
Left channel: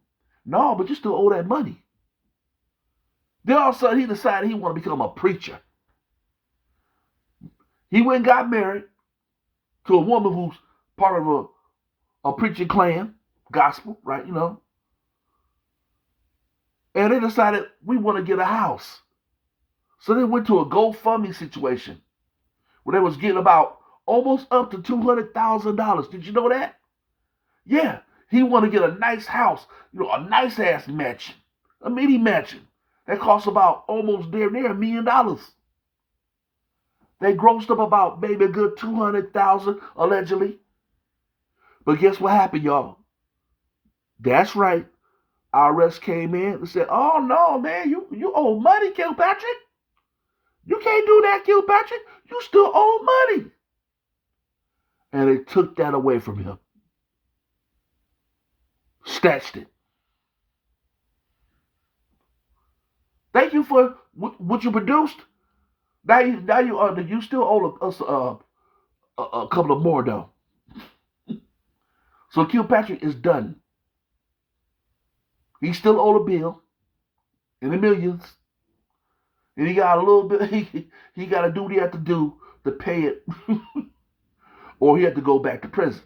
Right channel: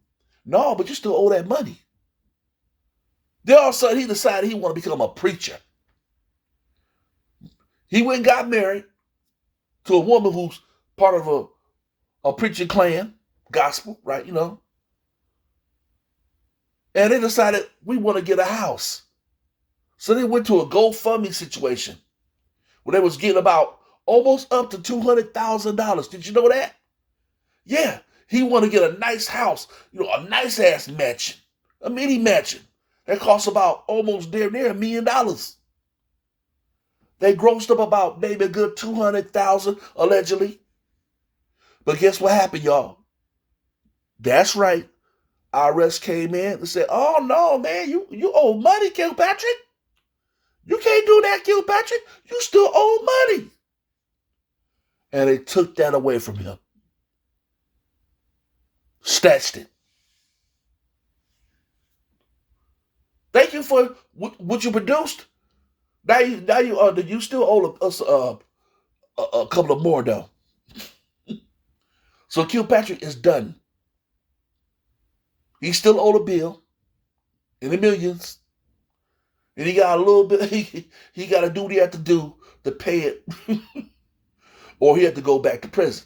No, but you still owe that money. Then all of a sudden he decided he want to become a preacher. He went and got married to a woman who's part of a preaching clan, gospel, right? You know. And they decided we want to get a house. So they went to a GoFundMe situation where they was getting about almost up to $200,000. Did you know that? Yeah, he want to get a nice house, a nice ass mansion, a mini mansion. That costs about almost near $1 million. They grossed up about maybe a good 200,000 allegedly. But guess what happened, y'all? That's right. IRS came in and said, "Oh no, man, you owe money, Kilpatrick. You can't do that, Kilpatrick. You still owe money." And they took that away from him. Snatched it. Thank you for what you produced. Now you still owe us a couple of more though. So Kilpatrick is done. He still owed a bill in the millions, and he got a little bit. He got to do what he had to do to pay it, or he had to go back to prison.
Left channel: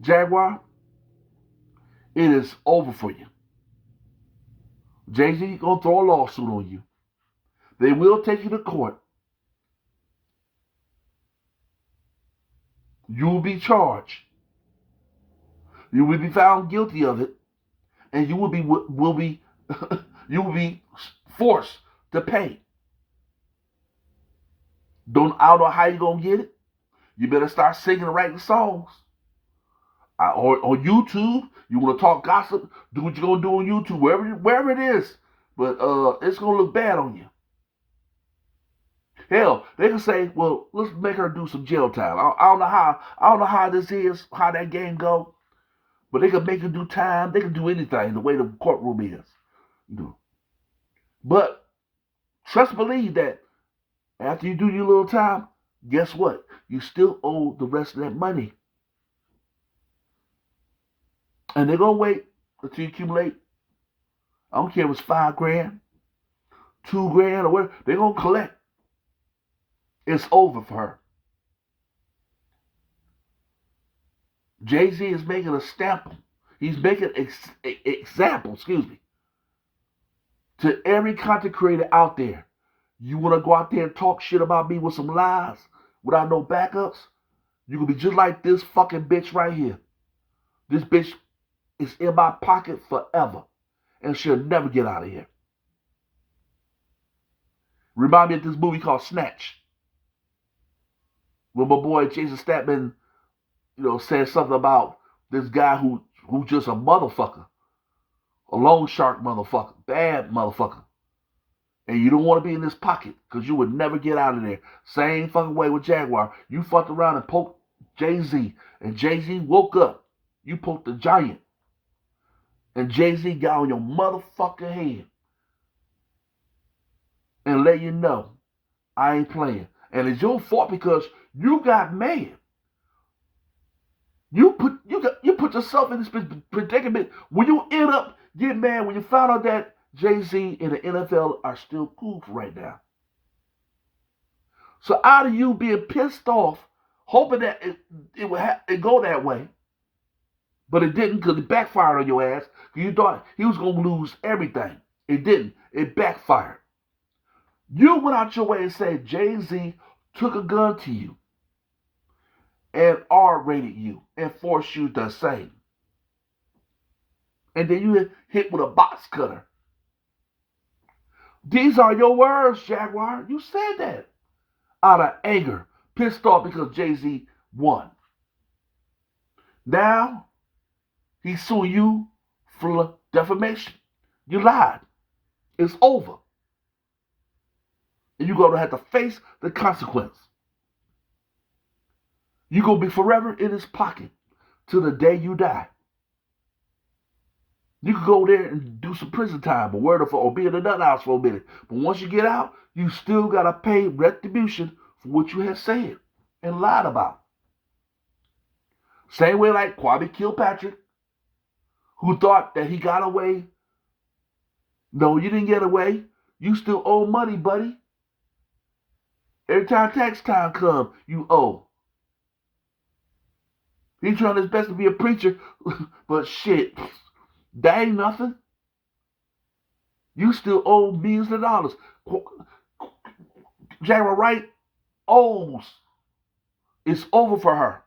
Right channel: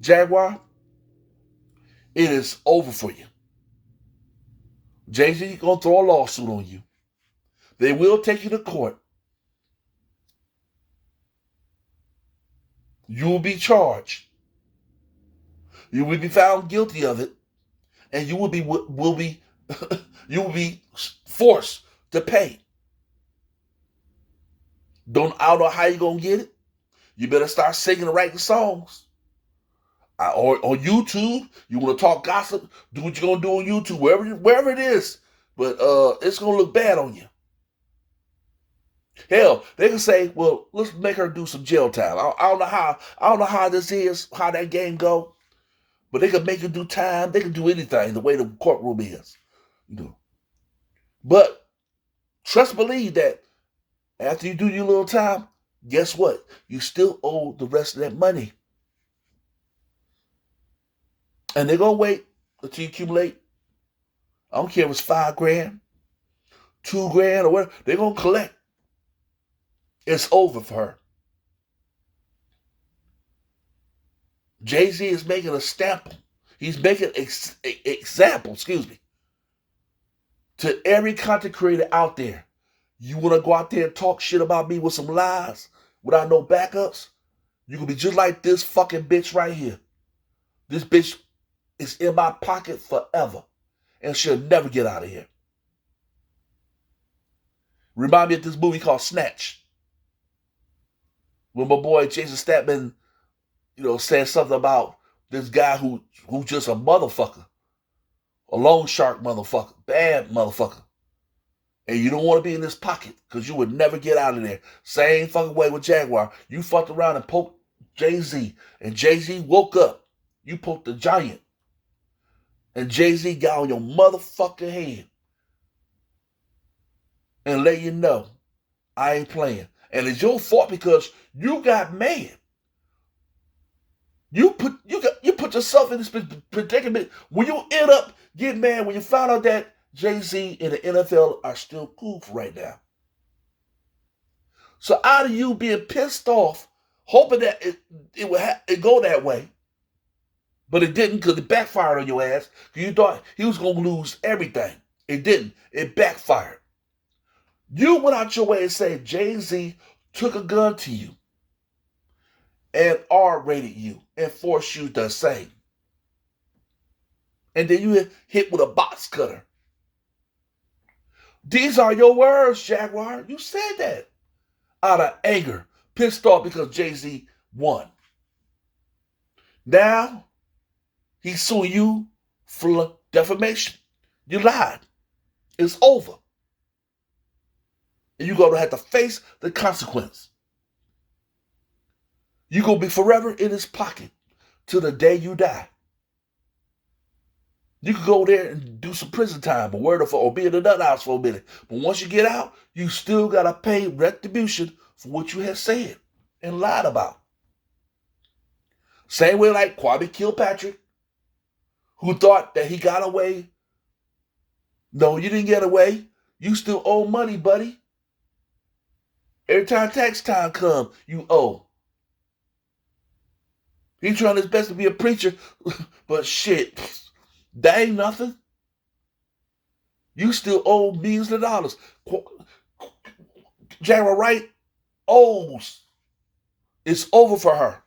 Jaguar, it is over for you. Jay-Z gonna throw a lawsuit on you. They will take you to court. You will be charged. You will be found guilty of it, and you will be you will be forced to pay. I don't know how you're gonna get it. You better start singing and writing songs. Or on YouTube, you want to talk gossip, do what you're gonna do on YouTube, wherever it is. But it's gonna look bad on you. Hell, they can say, "Well, let's make her do some jail time." I don't know how this is, how that game go, but they can make her do time. They can do anything the way the courtroom is, But trust, believe that after you do your little time, guess what? You still owe the rest of that money. And they're going to wait until you accumulate. I don't care if it's $5 grand, $2 grand, or whatever. They're going to collect. It's over for her. Jay-Z is making a stamp. He's making example, to every content creator out there. You want to go out there and talk shit about me with some lies without no backups? You can be just like this fucking bitch right here. This bitch is in my pocket forever and she'll never get out of here. Remind me of this movie called Snatch. When my boy Jason Statham, said something about this guy who's just a motherfucker. A loan shark motherfucker. Bad motherfucker. And you don't want to be in this pocket because you would never get out of there. Same fucking way with Jaguar. You fucked around and poked Jay-Z. And Jay-Z woke up. You poked the giant. And Jay-Z got on your motherfucking head. And let you know, I ain't playing. And it's your fault because you got mad. You put yourself in this predicament when you end up getting mad when you found out that Jay-Z and the NFL are still cool for right now. So out of you being pissed off, hoping that it would go that way, but it didn't because it backfired on your ass because you thought he was going to lose everything. It didn't. It backfired. You went out your way and said Jay-Z took a gun to you and R-rated you and forced you to sing. And then you hit with a box cutter. These are your words, Jaguar. You said that out of anger, pissed off because Jay-Z won. Now, he's suing you for defamation. You lied. It's over. And you're going to have to face the consequence. You're going to be forever in his pocket till the day you die. You could go there and do some prison time or be in the nut house for a minute. But once you get out, you still got to pay retribution for what you have said and lied about. Same way like Kwame Kilpatrick, who thought that he got away. No, you didn't get away. You still owe money, buddy. Every time tax time comes, you owe. He's trying his best to be a preacher, but shit, that ain't nothing. You still owe millions of dollars. Jaguar Wright owes. It's over for her.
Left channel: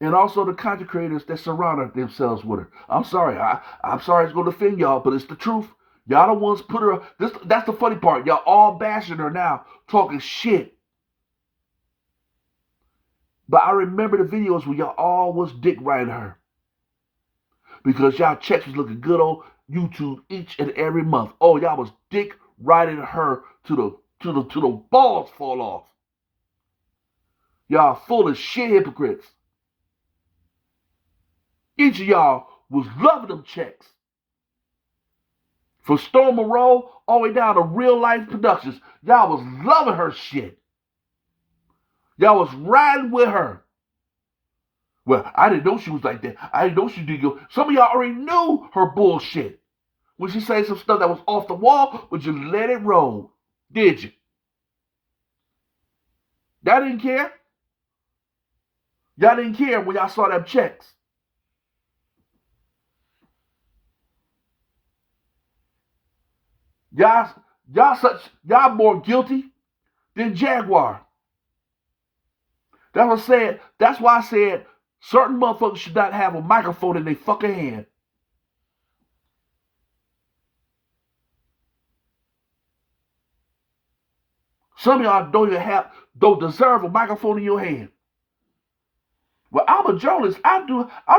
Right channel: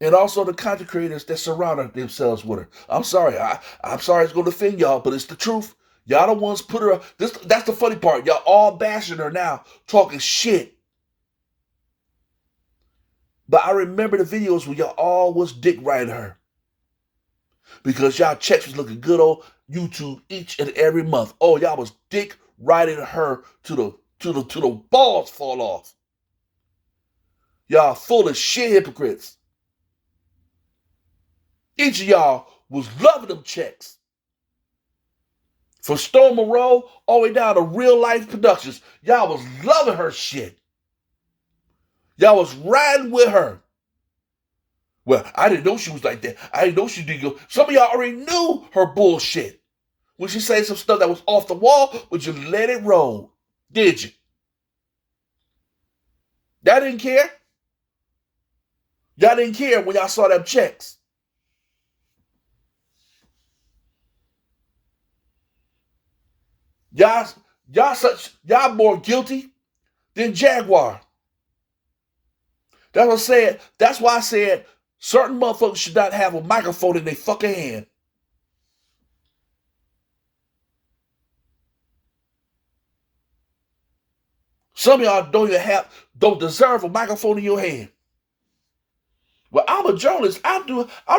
And also the content creators that surround themselves with her. I'm sorry. I'm sorry it's going to offend y'all, but it's the truth. Y'all the ones put her up. That's the funny part. Y'all all bashing her now, talking shit. But I remember the videos where y'all all was dick riding her. Because y'all checks was looking good on YouTube each and every month. Oh, y'all was dick riding her to the balls fall off. Y'all full of shit hypocrites. Each of y'all was loving them checks. From Storm Monroe all the way down to Real Life Productions. Y'all was loving her shit. Y'all was riding with her. Well, I didn't know she was like that. I didn't know she did go. Some of y'all already knew her bullshit. When she said some stuff that was off the wall, but you let it roll. Did you? Y'all didn't care? Y'all didn't care when y'all saw them checks. Y'all more guilty than Jaguar. That's why I said certain motherfuckers should not have a microphone in their fucking hand. Some of y'all don't deserve a microphone in your hand. Well, I'm a journalist. I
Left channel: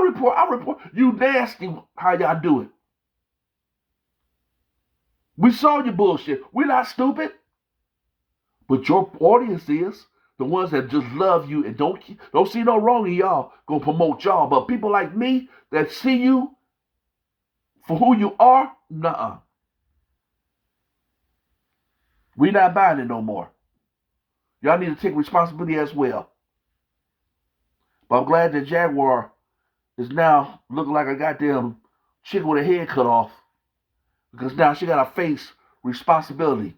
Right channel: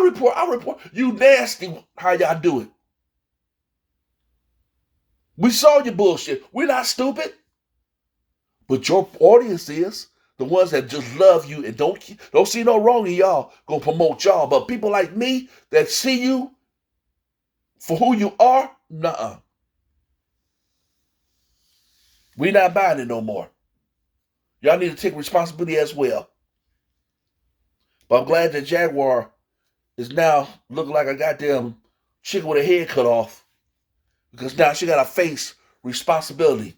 report. You nasty how y'all do it. We saw your bullshit. We're not stupid. But your audience is the ones that just love you and don't see no wrong in y'all, gonna promote y'all. But people like me that see you for who you are, nuh-uh. We not buying it no more. Y'all need to take responsibility as well. But I'm glad that Jaguar is now looking like a goddamn chicken with her head cut off. Because now she got to face responsibility.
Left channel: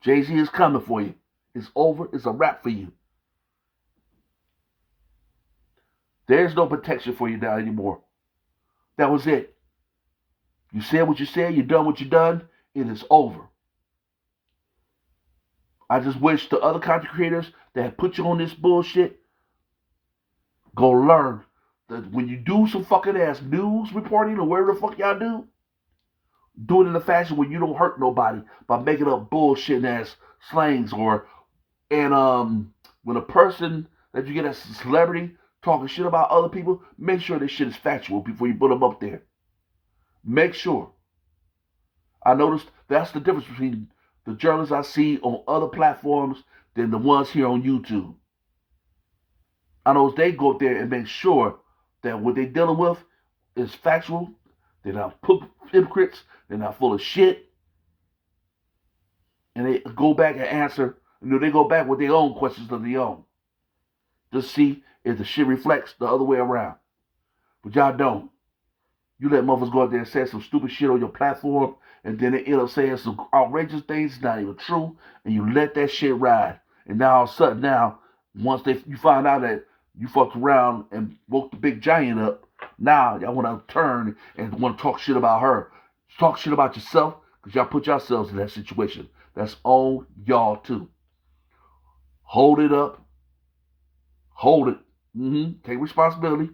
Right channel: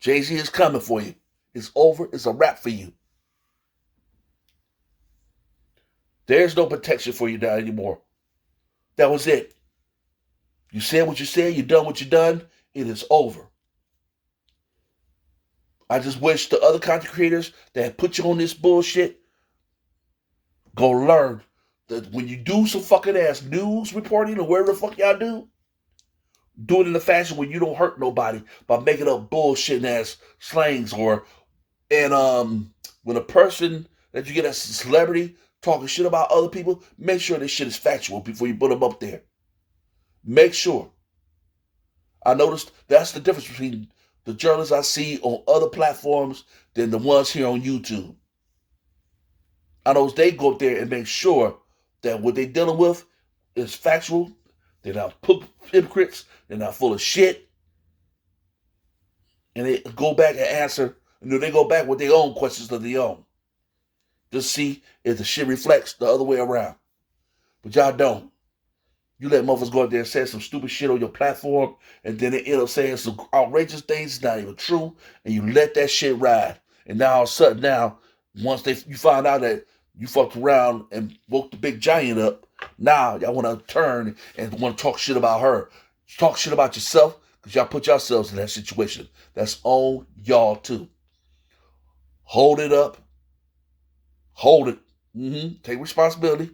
Jay-Z is coming for you. It's over. It's a wrap for you. There's no protection for you now anymore. That was it. You said what you said. You done what you done. It is over. I just wish the other content creators that put you on this bullshit go learn that when you do some fucking ass news reporting or whatever the fuck y'all do it in a fashion where you don't hurt nobody by making up bullshit ass slangs and when a person that you get as a celebrity talking shit about other people, make sure this shit is factual before you put them up there. Make sure. I noticed that's the difference between the journalists I see on other platforms than the ones here on YouTube. I know they go up there and make sure that what they're dealing with is factual. They're not hypocrites. They're not full of shit. And they go back and answer. They go back with their own questions of their own. Just see if the shit reflects the other way around. But y'all don't. You let motherfuckers go out there and say some stupid shit on your platform, and then they end up saying some outrageous things not even true, and you let that shit ride. And now all of a sudden once you find out that you fucked around and woke the big giant up, now y'all want to turn and want to talk shit about her. Talk shit about yourself, because y'all put yourselves in that situation. That's on y'all too. Hold it up. Hold it. Take responsibility.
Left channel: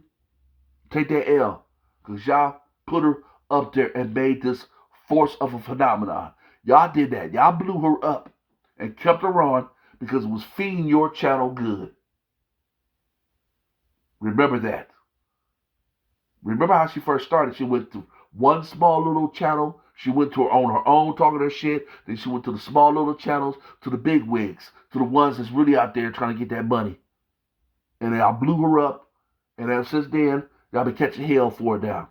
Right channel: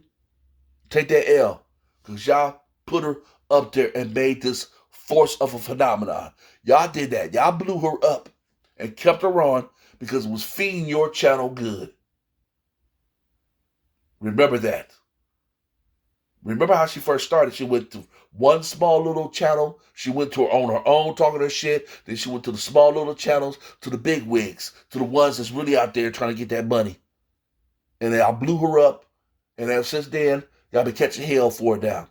Take that L. Because y'all put her up there and made this force of a phenomenon. Y'all did that. Y'all blew her up and kept her on because it was feeding your channel good. Remember that. Remember how she first started? She went to one small little channel. She went to on her own talking her shit. Then she went to the small little channels, to the big wigs, to the ones that's really out there trying to get that money. And then I blew her up. And ever since then, y'all been catching hell for it now.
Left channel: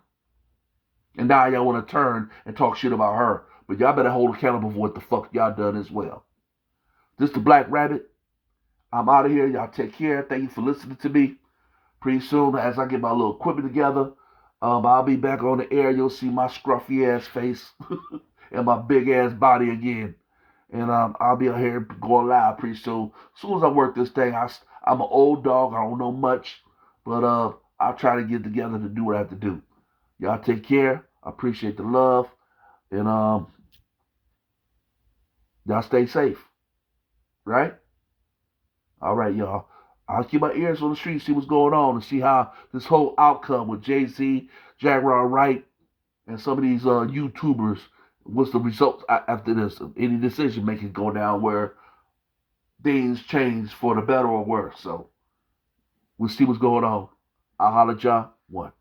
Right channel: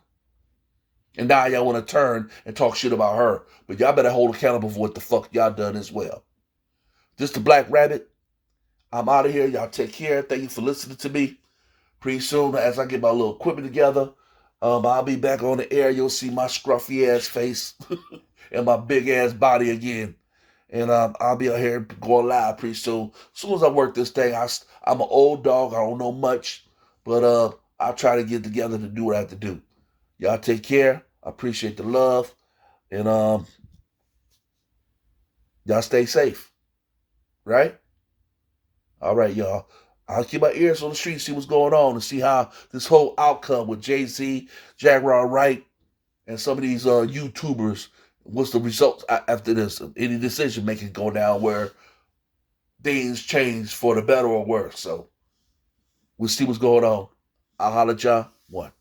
And now y'all want to turn and talk shit about her. But y'all better hold accountable for what the fuck y'all done as well. This the Black Rabbit. I'm out of here. Y'all take care. Thank you for listening to me. Pretty soon, as I get my little equipment together, I'll be back on the air. You'll see my scruffy ass face and my big ass body again. And I'll be out here going live pretty soon. As soon as I work this thing, I'm an old dog. I don't know much. But I'll try to get together to do what I have to do. Y'all take care. I appreciate the love. And y'all stay safe. Right? All right, y'all. I'll keep my ears on the street, see what's going on, and see how this whole outcome with Jay-Z, Jaguar, Wright, and some of these YouTubers, what's the results after this? Any decision making go down where things change for the better or worse. So we'll see what's going on. I'll holler at y'all. One.